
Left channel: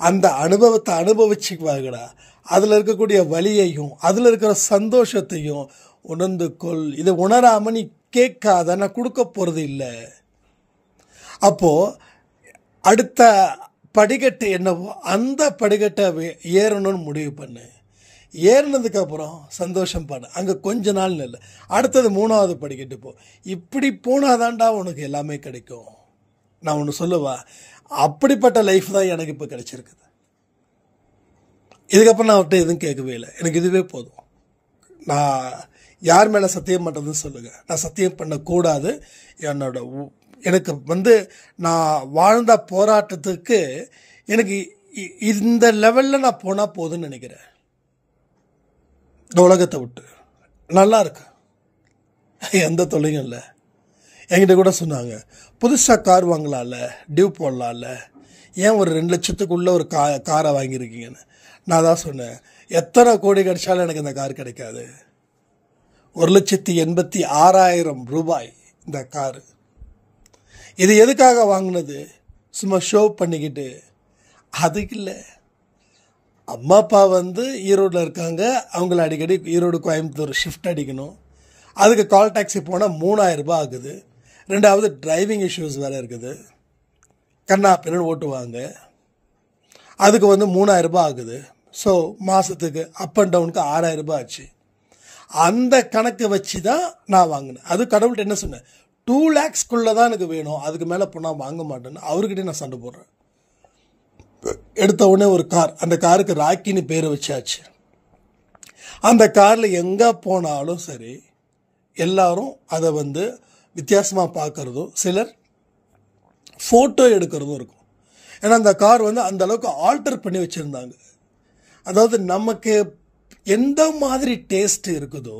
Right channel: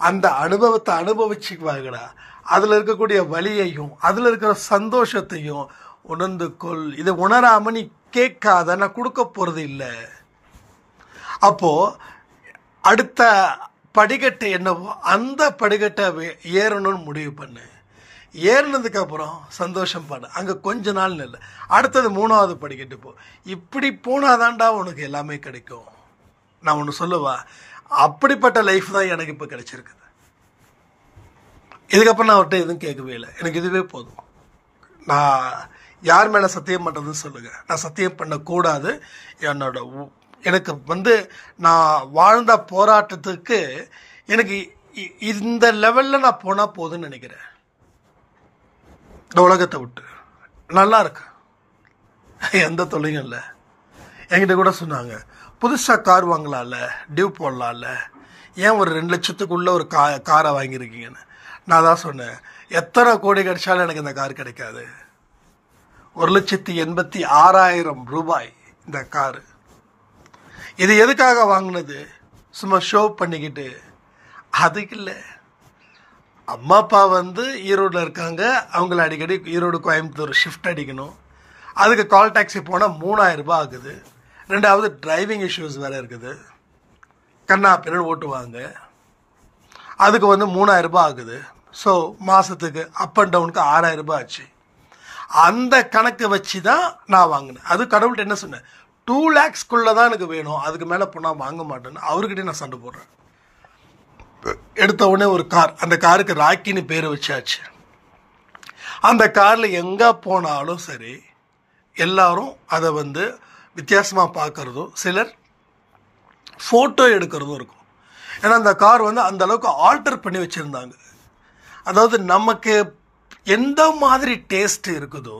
அந்த அனுபவத்தை அனுபவிச்சுக்குவாங்கடா, அதில் இருக்கக்கூடிய வலியையும் அதில் இருக்கிற சந்தோஷத்தையும் உணர்ந்து கொள். இதை உணராமல் நீ கேட்காத, நான் கொடுக்க போகிறது இல்லை. அப்போது அடுத்த படிக்கட்டு என்னவோ அந்த படிக்கட்டை ஏறணும்னு முடிவு பண்ணு. ஏறினதுக்கப்புறம் சந்தோஷம் பண்ணு, அங்கே கொஞ்ச நாள் இல்லை. அடுத்தது 3வது படிக்கட்டு போ. இப்படி போனாதான்டா உனக்கு எல்லாமே கிடைக்கும். நான் ஒன்று சொல்லுவா, அப்படிப்பட்ட லைஃப் தான் எனக்கு இப்போ கிடைச்சிருக்குது. இதுக்கப்புறம் நான் அவர்கிட்ட எதுவும் கேட்கவே இல்லை, எனக்கு இதுவே போதும். நான் யார் மேலே சத்தியம் பண்ணுறதுன்னு சொல்லுங்கள், நான் சத்தியம் பண்ணக்கூடாது. எனக்கு நான் வாழ்ந்த போராட்டத்துக்கு எனக்கு இந்த லெவலில் நான் போனால் போதுன்னு நினைக்கிறேன். இந்த உலகத்தை விட்டு நல்லா இருக்கு, எந்த தொல்லையும் இல்லை. என்கிட்ட கூட சொன்னாங்க, புதுசாக கார் வாங்கலாம்ல, டியூ போடலாம்ல, ஏன் ஒரு 2 லட்சத்துக்குள்ளே ஒரு காரை வாங்கியிருக்கீங்கன்னு. நான் தான் சொன்னேன், எத்தனை கோடி கிடைச்சாலும் எனக்கு இந்த கார் கிடைக்காது. 1,86,000 ரூபாய் இந்த காரு. இது எதுக்காக வாங்கினது? சும்மா ஷோ பண்ணிக்கிட்டு அதுக்கு இல்லை. அம்மா அப்பா ஈரோடில் இருக்காங்க, அவங்கள அடிக்கடி ஈரோடு கோயம்புத்தூர் ஷிஃப்ட் அடிக்கணும். அதுக்கு கால் டாக்ஸி போனால் 3000 ரூபாய் ஆகுது. 2வது டிரைவிங் இஷ்யூஸ் வேறு இருக்குது, கண்ணா பின்னாடி ஓட்டுவாங்க, அதுக்கு 3000 ரூபாய் ஆகுது. ஸோ மாதத்துக்கு அப் அண்ட் டவுனுக்கு 6000 ரூபாய் ஆச்சு. அந்த கணக்கு வச்சு தான் நான் வாங்கினேன். அது கடவுள்கிட்ட என்ன சொன்னேன், 2 lakhsக்குள்ளே தான் எனக்கு வேணும், அதுக்கு மேலே போனால் வாங்க மாட்டேன்னு அவர்கிட்டே நான் சண்டை போடுறேன். எடுத்த உடனே ஒரு கார், அந்த காருக்கு ராக்கின்னு பேர் வச்சாச்சு. அந்த காரில் எங்கே போனாலும் சரி எல்லாரும் அதை வித்தியாசமாக பார்க்குறதும், சிலர் ஃபோட்டோ எடுக்கிறதும் இருக்கும். ஏன்னா அந்த கார் அந்த அளவுக்கு ஆல்டர் பண்ணி வச்சுருந்தாங்க. அதாவது நமக்கு எந்த மாதிரி டேஸ்ட் இருக்குதோ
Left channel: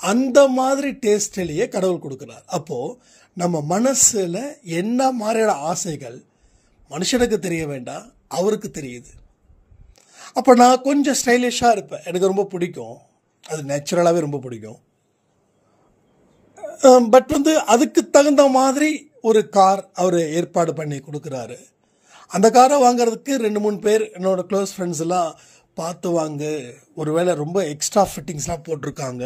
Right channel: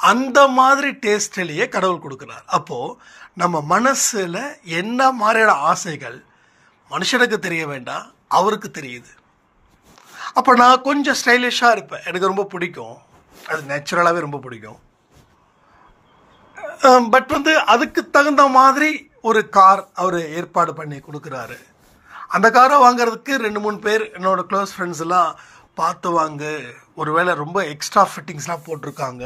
அந்த மாதிரி டேஸ்ட்லேயே கடவுள் கொடுக்குறார். அப்போது நம்ம மனசில் என்ன மாதிரியான ஆசைகள் மனுஷனுக்கு தெரிய வேண்டாம், அவருக்கு தெரியுது. அப்போ நான் கொஞ்சம் ஸ்டைலிஷாக இருப்பேன், எனக்கு ரொம்ப பிடிக்கும், அது நேச்சுரலாகவே ரொம்ப பிடிக்கும். பட் அதுக்கு தகுந்த மாதிரி ஒரு கார் அவர் ஏற்பாடு பண்ணி கொடுக்குறாரு. அந்த காரை வாங்கிறதுக்கு 2-3 பேர் என்னோடய க்ளோஸ் ஃப்ரெண்ட்ஸ் எல்லாம் பார்த்து வாங்க, ஒருவேளை ரொம்ப எக்ஸ்ட்ரா ஃபிட்டிங்ஸ்லாம் போட்டிருக்காங்க,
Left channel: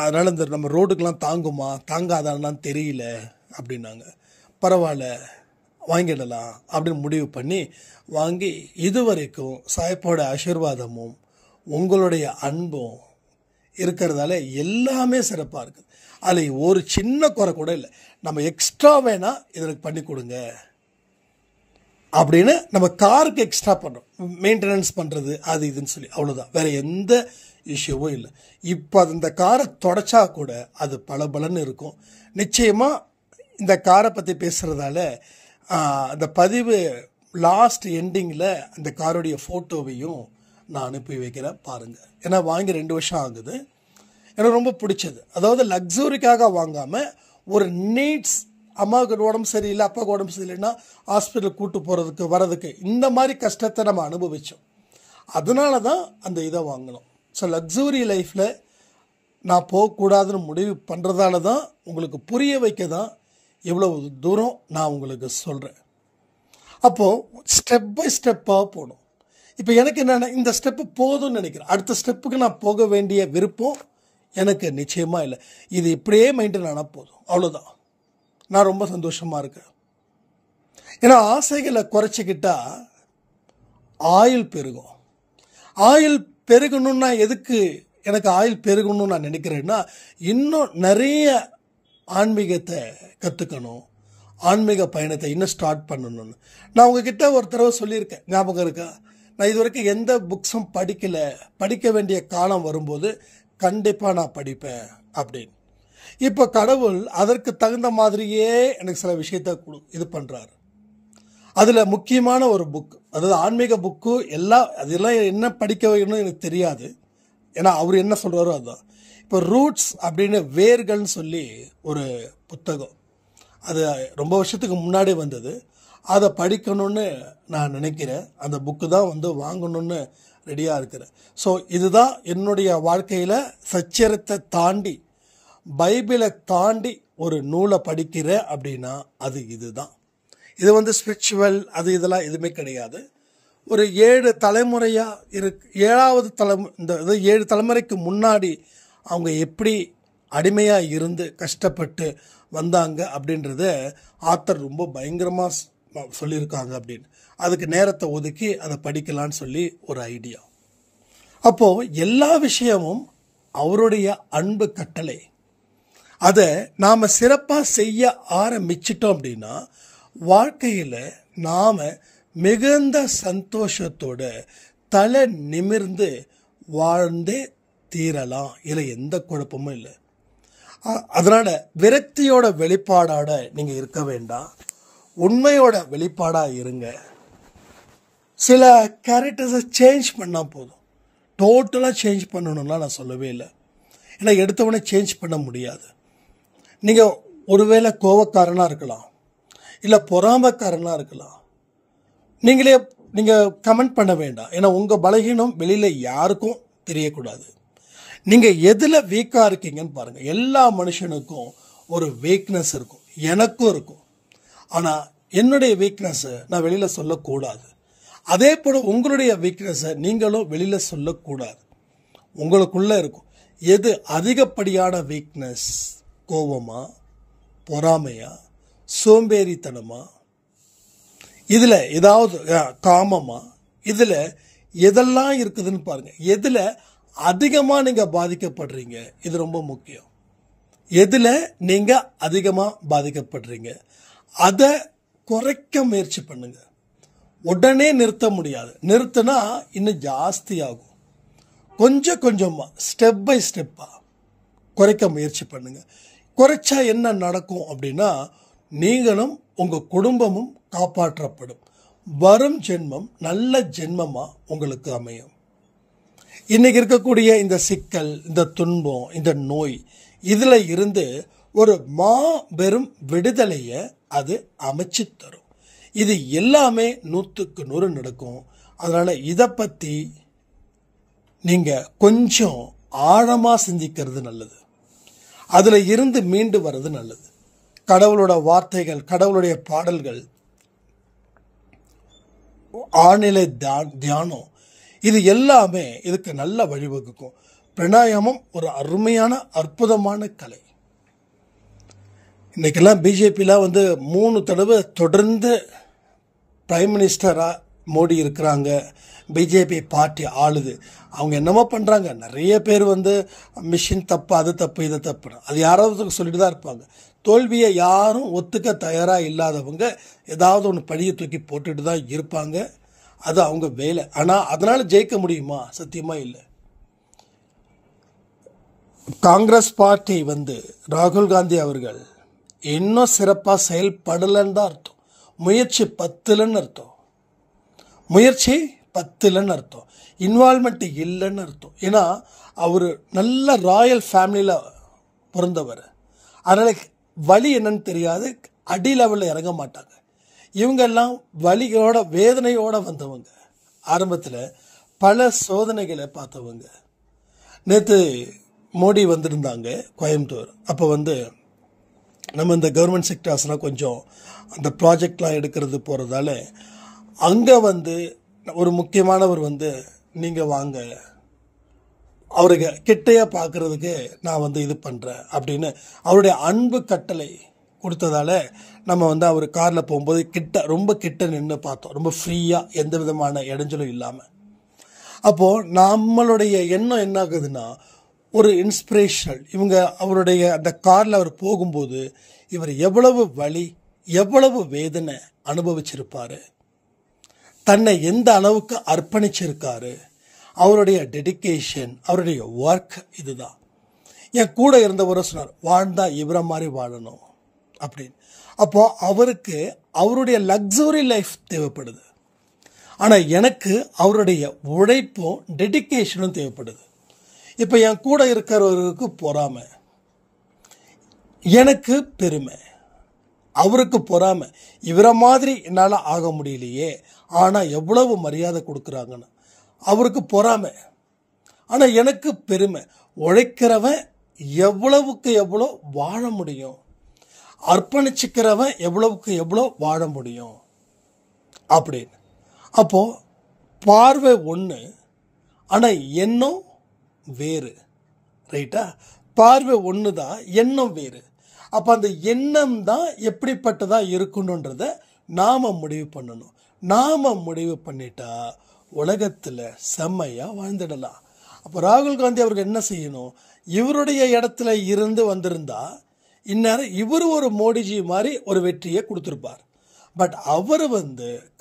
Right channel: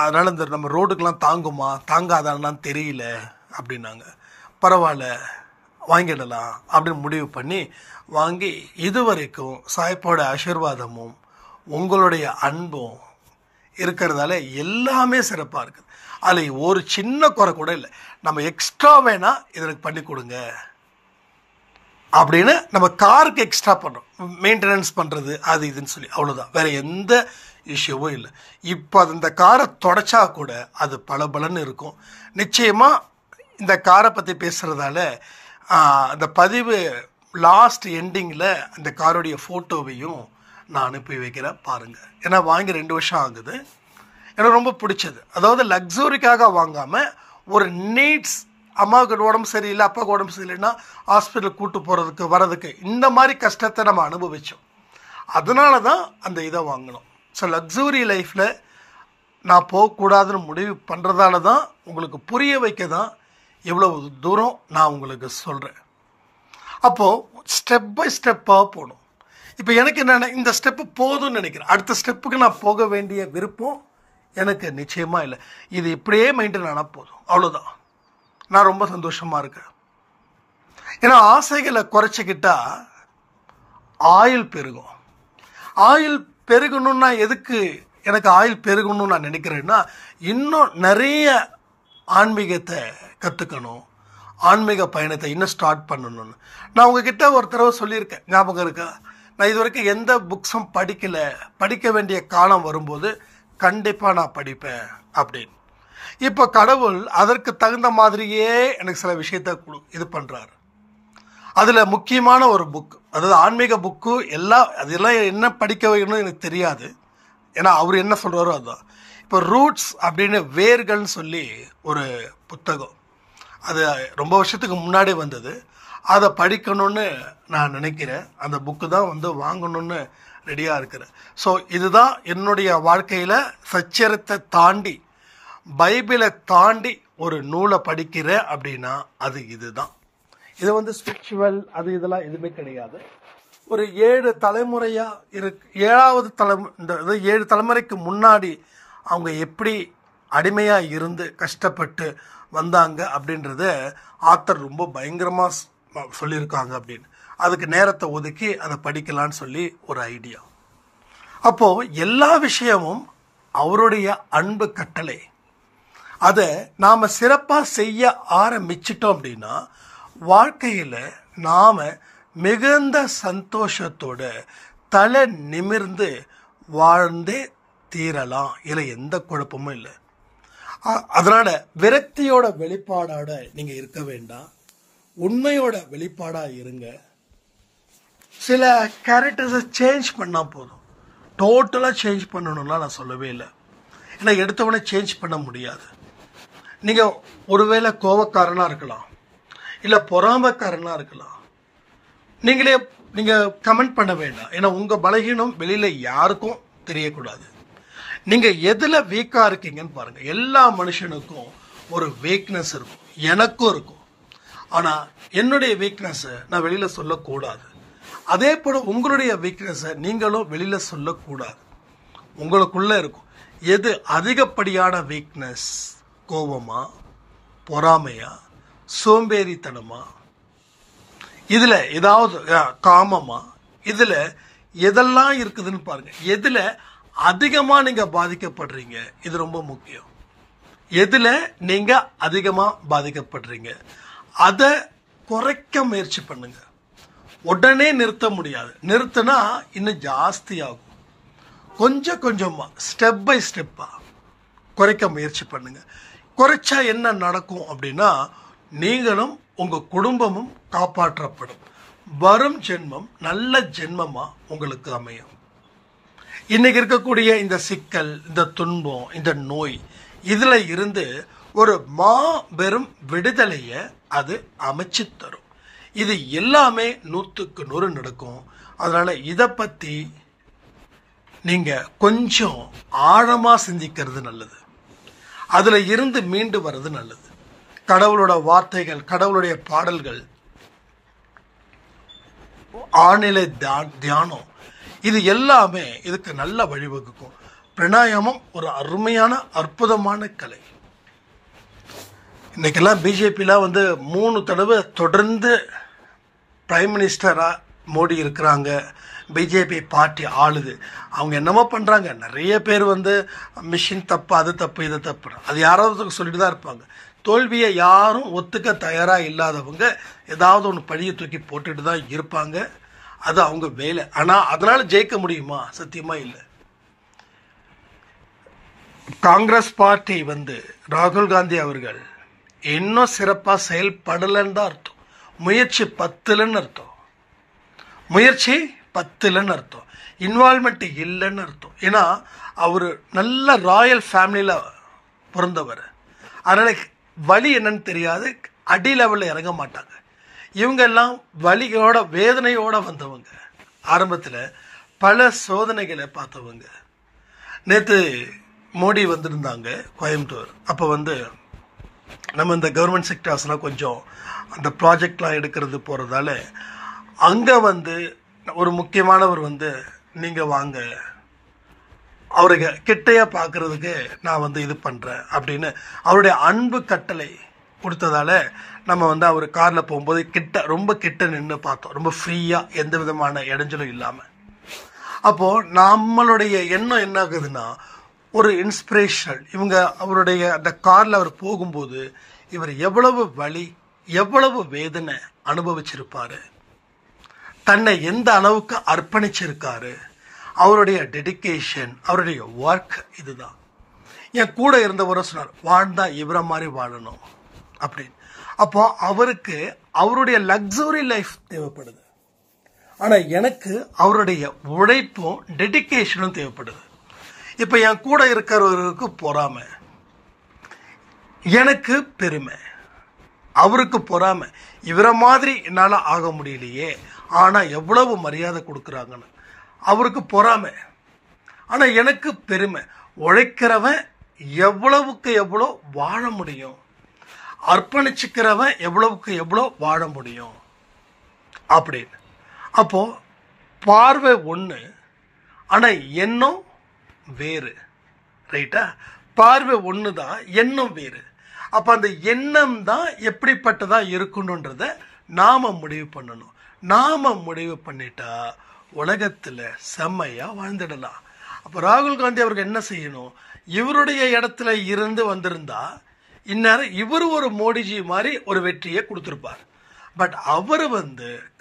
அதனால் இந்த நம்ம ரோடுக்கெலாம் தாங்குமா தாங்காதான்னு தெரியல அப்படின்னாங்க. பரவாயில்ல வாங்கிடலாம் அப்படின்னு முடிவு பண்ணி வாங்கி, இது வரைக்கும் சாய்ப்போட ஆசீர்வாதமும் உங்களுடைய அன்பும் இருக்கிறதால எல்லாமே சிறப்பாக இருக்குது. அதில் ஒரு சின்ன குறை கூட இல்லை. நம்ம எக்ஸ்ட்ரா வேணால் இதற்கு பண்ணி கொடுங்க அப்படின்னு நம்ம காருக்கு எக்ஸ்ட்ரா பண்ணுறோம், மெயின்டெனன்ஸ் பண்ணுறது அது இதுன்னு சொல்லி, அவ்வளோதான். வேறு எந்த இஷ்யூவும் இல்லை. இப்போ அது இந்த காரை தொடச்சா கூட அது பளபளன்னு இருக்கும். நிச்சயமாக இந்த காரை பற்றி பேசுகிறதால அந்த பதிவு லாஸ்ட் எண்டிங்கில் அந்த காரோடைய ஃபோட்டோவையும் நான் அனுப்பி வைக்கிறேன் பாருங்கள். ஏன்னா வாங்கி 2 வருஷம் ஆகுது. எனக்கு ரொம்ப பிடிச்சது. அதாவது லக்ஸுரிக்காக வாங்காமல் ஒரு நீட்ஸ், அம்மாவுக்கு உடம்பு சரியில்லை, அப்பாவுக்கு உடம்பு சரியில்லைன்னா ஹாஸ்பிட்டலுக்கு கூட்டு போகிறதுக்கு வரதுக்கு இந்த மாதிரி கஷ்டத்தை நம்ம அனுபவித்தோம். அதனால தான் அந்த இதை வாங்கினோம். ஸோ லக்ஸுரி லைஃப்பில் நான் போகக்கூடாதுன்னு முடிவு பண்ணுறதால தான் உங்களுக்கு புரிய வைக்க தான் எவ்வளோ தூரம் நான் உங்களுக்கு சொல்கிறேன். அப்போது ஸ்டெப் பை ஸ்டெப்பாக போகணும். இப்போ எனக்கு என்னென்ன இந்த ஸ்டெப்பு போதும்னு நினைக்கிறேன். அடுத்த ஸ்டெப்புக்கு நான் போக வேண்டிய விருப்பம் எனக்கு நிச்சயமாக இல்லை. இது இப்படியே மெயின்டைன் ஆனால் போதும், அவ்வளோதான். நான் ரொம்ப சந்தோஷமாக இருக்கேன். ஏன்னா ஆசைகளை குறைச்சிக்கிட்டா ஆயுள் பெருகும். ஆயுள் பெருகணும்னா எதுக்கு எனக்கு ஆயுள் பெருகணும்னு நான் நினைக்கிறேன்னா, இன்னும் நிறைய ஆன்மீகத்தை கற்றுக்கணும், ஆன்மீக பயணத்தை இன்னும் ஸ்டார்ட் பண்ணணும்னு. நான் உங்ககிட்ட ஒரு தடவை சொல்லியிருக்கேன், ஞாபகம் இருக்கா? நான் இது வரைக்கும் எந்த புக்ஸும் படிக்கலை, படிக்க வேண்டிய காலம் வரும்போது கண்டிப்பாக நான் படிப்பேன் அப்படின்னு. இப்போ கடவுள் அதற்கு தகுந்த மாதிரியே எனக்கு சில விஷயத்தை இது பண்ணுறாரு. அதில் முக்கியமான ஒரு புக், அதாவது ஆன்மீக புக்கு, அதெல்லாம் என்ன படிக்க வைக்கணும்னு எனக்கு தெரியாது. ஏன்னா அவர் என்ன சொல்கிறாரோ அதுதான். இப்போ ரூட்ஸ் அப்படின்னு வேர்கள்னு சொல்லி ஒரு புத்தகம், அது ரொம்ப வருஷத்துக்கு முன்னாடி வந்தது. அதை படிக்கணும்னு நான் நினைக்கிறேன். அந்த புக்கு தான் வாங்கணும்னு ரெடியாக இருக்கிறேன். ஸோ இதுதான் என்னுடைய வாழ்க்கையில் சச்சரத்தை தாண்டி, பைபிளை தாண்டி ஒரு நூலை படிக்கிறேன் அப்படின்னா அது இதுதான். இது ஸ்பிரிச்சுவல் இதெல்லாம் எதுவுமே கிடையாது. ஒரு 7 தலைமுறையாக ஏழாவது இந்த 7 தலைமுறைக்கு முன்னாடி அவங்க எப்படி அடிமையாக இருந்து கஷ்டப்பட்டு வந்தாங்க அப்படின்றத ஆத்தர் ரொம்ப பயங்கரமாக சொல்லியிருக்காங்க அப்படின்னு. அதுக்கு நேரத்தை ஒதுக்கி அதை படிக்கலான்னு சொல்லி ஒரு ஐடியா. அப்போது எல்லா விஷயமும் அவருடைய அன்பு கட்டளை. அதை நாம் சிறப்பாக செய்ய ஆரம்பிச்சிட்டோம் அப்படின்னா வாழ்க்கையில் நாம் மிகுந்த சந்தோஷத்தோட தலை நிமிர்ந்து வாழ்ந்தே தீரலாம். இதில் எந்த குழப்பமும் இல்லை. அதனால் விரக்தியோட வெளிப்பாடாட நீங்கள் இருக்க வேண்டாம், உண்மையோட வெளிப்பாடாக இருங்க. சில கேரக்டர்ஸை சேஞ்ச் பண்ணால் போதும். டோட்டலாக சேஞ்ச் பண்ணணும்லாம் நான் சொல்லவே இல்லை. ஏன்னா எடுத்தவொடனே சேஞ்ச் பண்ண முடியாது. நீங்கள் ஒருவேளை கோபக்காரனாக இருக்கலாம், இல்லை பொறாமைக்காரனாக இருக்கலாம். நீங்கள் கமெண்ட் பண்ண வேண்டாம். ஏன்னா உங்கள் பலகீனம் வெளியில் யாருக்கும் தெரியக்கூடாது. நீங்கள் எதில் வீக்காக இருக்கீங்கன்னு பாருங்கள். எல்லா மனுஷனுக்கும் ஒரு வீக்னஸ் இருக்கும், எனக்கும் இருக்கும். ஆனால் என்னுடைய வீக்னஸை நான் வெளியில் சொல்லக்கூடாது. அதே போல் உங்களுடைய வீக்னஸை நீங்களும் வெளியில் சொல்லக்கூடாது. உங்களுக்குள்ளே இருக்கும். எது அதிகப்படியான வீக்னஸ்? கோபமா, பொறாமையா, சோம்பேறித்தனமா, இதில் ஏதாவது காமமா, இதில் எதெல்லாம் இருக்குதுன்னு பாருங்கள். எதில் அதிகமாக நீங்கள் பாதிக்கப்படுறீங்க, இது ரொம்ப முக்கியம். எதில் நீங்கள் அதிகமாக பாதிக்கப்படுறீங்க அதை குறைக்க முயற்சி பண்ணுங்க. உடனே நிறுத்த முடியாது. நிறுத்தினா இன்னும் ஜாஸ்தி ஆகும். கொஞ்சம் கொஞ்சமாக ஸ்டெப் பை ஸ்டெப்பாக குறைக்க முயற்சி பண்ணுங்க. குறைச்சா என்ன நடக்கும் அப்படின்னா, நீங்களும் உங்கள் குடும்பமும் காப்பாற்றப்படும். வரும் ஜென்மம் நல்ல ஜென்மமாக உங்களுக்கு அமையும். இன்னைக்கு இருக்கக்கூடிய இந்த சிக்கல், இந்த துன்பம், இந்த நோய், இதில் இருந்து ஒரு மாபெரும் விடுதலையை அது அமைச்சு தரும். இது எல்லாமே 100க்கு 100 நடக்கும். அதனால் இதை பற்றி நீங்கள் கொஞ்சம் ஆழமாக சிந்திக்கிறது நல்லது. அதில் இருந்து மீண்டு வர்றது நல்லது. கடவுளோட வார்த்தைகள், கடவுளுடைய பாடல்கள், ஆழ்நிலை தியானம், இது எல்லாமே இதுக்கு நல்ல வழிவகுக்கும். பிராணாயாமம் ஒரு அருமையான அற்புதமான கலை. இன்றைக்கெல்லாம் பிஜேபியில் 3 தடவை தொடர்ந்து பிரைம் மினிஸ்டராக மோடி இருக்கிறாங்க. பிஜேபி பார்ட்டி ஆளுது. அவங்க என்னமோ பண்ணுறாங்க. நிறைய பேர் மிஷின் தப்பு, அது தப்பு, இது தப்பு, அது யாராவது சொல்லிட்டு தான் இருப்பாங்க. தோல்வியை யாரும் ஒத்துக்க தயாராக இல்லாதவங்க ஏதாவது ஒன்று பழியை தூக்கி போட்டுட்டு தான் இருப்பாங்க. அது அவங்க வேலை. ஆனால் அதனால் ஜெயிக்க முடியுமா? சத்தியமாக இல்லை. காங்கிரஸ் பார்ட்டி ராகுல் காந்தி அவர்கள் இன்னும் சிறப்பாக செயல்படலைன்னு தான் அர்த்தம். முயற்சி 10லன்னு அர்த்தம். முயற்சி 10லன்னு அர்த்தம். இன்வால்மெண்ட் இல்லைன்னு அர்த்தம். ஏன்னா அவர் நல்ல ராயல் ஃபேமிலியில் பிறந்தவர். அதனால் வலி என்னன்னு தெரியாது, அடி லெவலில் இறங்க மாட்டாங்க. இவங்கெல்லாம் வலியோட வேதனையோடு வந்தவங்க. ஆரம்பத்தில் பல சோதனைகளை பார்த்தவங்க. நேற்று மோடி வந்திருந்தாங்க கோயம்புத்தூர். அப்போ நம்ம இந்த கவர்மெண்ட் செக்டார்ஸ்னால் கொஞ்சம் அந்த ப்ராஜெக்ட்லாம் எடுக்கிறது போகிறதால அங்கே ஒரு முக்கியமானவர் நீங்கள் வாங்க, அவருக்கு கிட்டையாக பார்க்குறதுக்கு நான் இது பண்ணுறேன் அப்படின்னு அவருடைய அன்பு கட்டளை கொடுத்ததால நம்ம அவர் காரில் போகும்போது ரொம்ப கிட்ட நின்று பார்த்தோம். ரொம்ப ஃப்ரீயாக, எந்த விதமான இடைஞ்சலும் இல்லாமல். அப்போது நம்மளுடைய எண்ணம் என்ன ஆகுதுன்னா, ஒரு இன்ஸ்பிரேஷனல். அவருடைய அந்த காரில் அவர் போகும்போது இவர் எவ்வளவு வலி, எவ்வளவு வேதனை அனுபவிச்சிருப்பார், தன்னை எந்த அளவுக்கு அர்ப்பணிச்சிருக்காரு, அவருடைய டெடிக்கேஷன், அவருடைய ஒர்க். இதுதான் என் கூட இருந்தவரை சொன்னார், வாழ்ந்தா இவரை மாதிரி வாழணும் அப்படின்னு. அப்போது அவருக்கு அவருடைய லக்ஸுரி லைஃப் தேவைப்படுது. ஆனால் எனக்கு அவருடைய உழைப்பும் டெடிக்கேஷனும் தேவைப்படுது. இப்போ என் கூட இருக்கிறவருக்கு பொறாமை, எனக்கு பெருமை. அவருக்கு பொறாமை, இவரை மாதிரி என்னால் ஆக முடியலையே, ஆனால் எவ்வளவு மரியாதை கொடுக்குறாங்கன்னு. அவருக்கு பொறாமை, ஆனால் எனக்கு பெருமை. உழைக்கிறவன் எவ்வளவுக்கு எவ்வளோ வாழ முடியும், அர்ப்பணிச்சுக்கிறவன் எவ்வளவுக்கு எவ்வளோ வாழ முடியும் அப்படின்னு. அப்போது பார்வை ஒன்று, ஆனால் எண்ணம் வேறு. ரைட்டா? பார்வை ஒன்று தான், எண்ணம் வேறு. அப்போ அந்த எண்ணம் தான் எப்படிப்பட்டதாக இருக்கணுன்றதை நாம் முடிவு பண்ணணும். நாம் முடிவு பண்ணிட்டா உலகத்தில் செம்மையாக வாழ்ந்துடலாம். அப்போ ராகுல் காந்தி அவருக்கு என்ன செய்யணும்? இவருடைய இடத்துல இருந்து வந்திருந்தா இந்நேரம் இவர் ஒரு மோடிஜி மாதிரி ஒரு வெற்றியை கொடுத்துருப்பார். பட் அவர்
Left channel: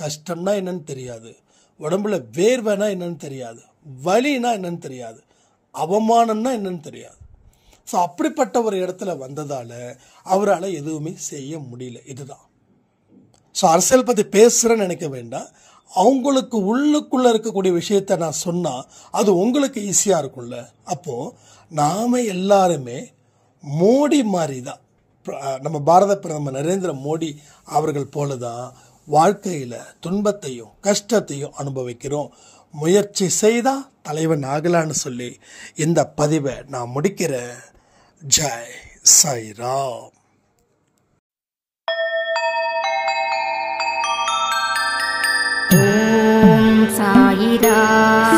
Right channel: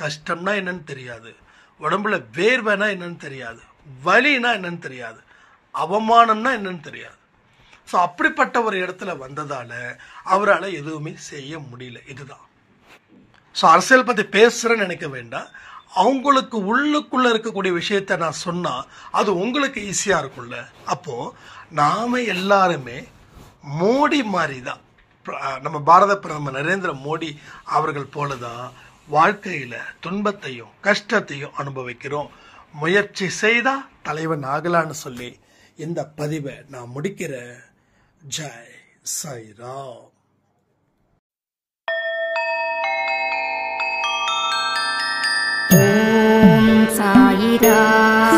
கஷ்டம்னா என்னன்னு தெரியாது, உடம்புல வேர்வைனா என்னன்னு தெரியாது, வலினா என்னன்னு தெரியாது, அவமானம்னா என்னன்னு தெரியாது. ஸோ அப்படிப்பட்ட ஒரு இடத்துல வந்ததால் அவரால் எதுவுமே செய்ய முடியல. இதுதான். ஸோ அரசியல் பற்றி பேசுகிறேன்னு நினைக்க வேண்டாம். அவங்களுக்கு உள்ளுக்குள்ளே இருக்கக்கூடிய விஷயத்தை நான் சொன்னால் அது உங்களுக்கு ஈஸியாக இருக்கும்ல. அப்போது நாம் எல்லாருமே மோடி மாதிரி தான், நம்ம பாரத பிரதமர் நரேந்திர மோடி அவர்கள் போல தான் வாழ்க்கையில் துன்பத்தையும் கஷ்டத்தையும் அனுபவிக்கிறோம். முயற்சி செய்தால் தலைவன் ஆகலான்னு சொல்லி இந்த பதிவை நான் முடிக்கிறேன். ஜெய் சாய்ராம். ஓம் சாயிராம்.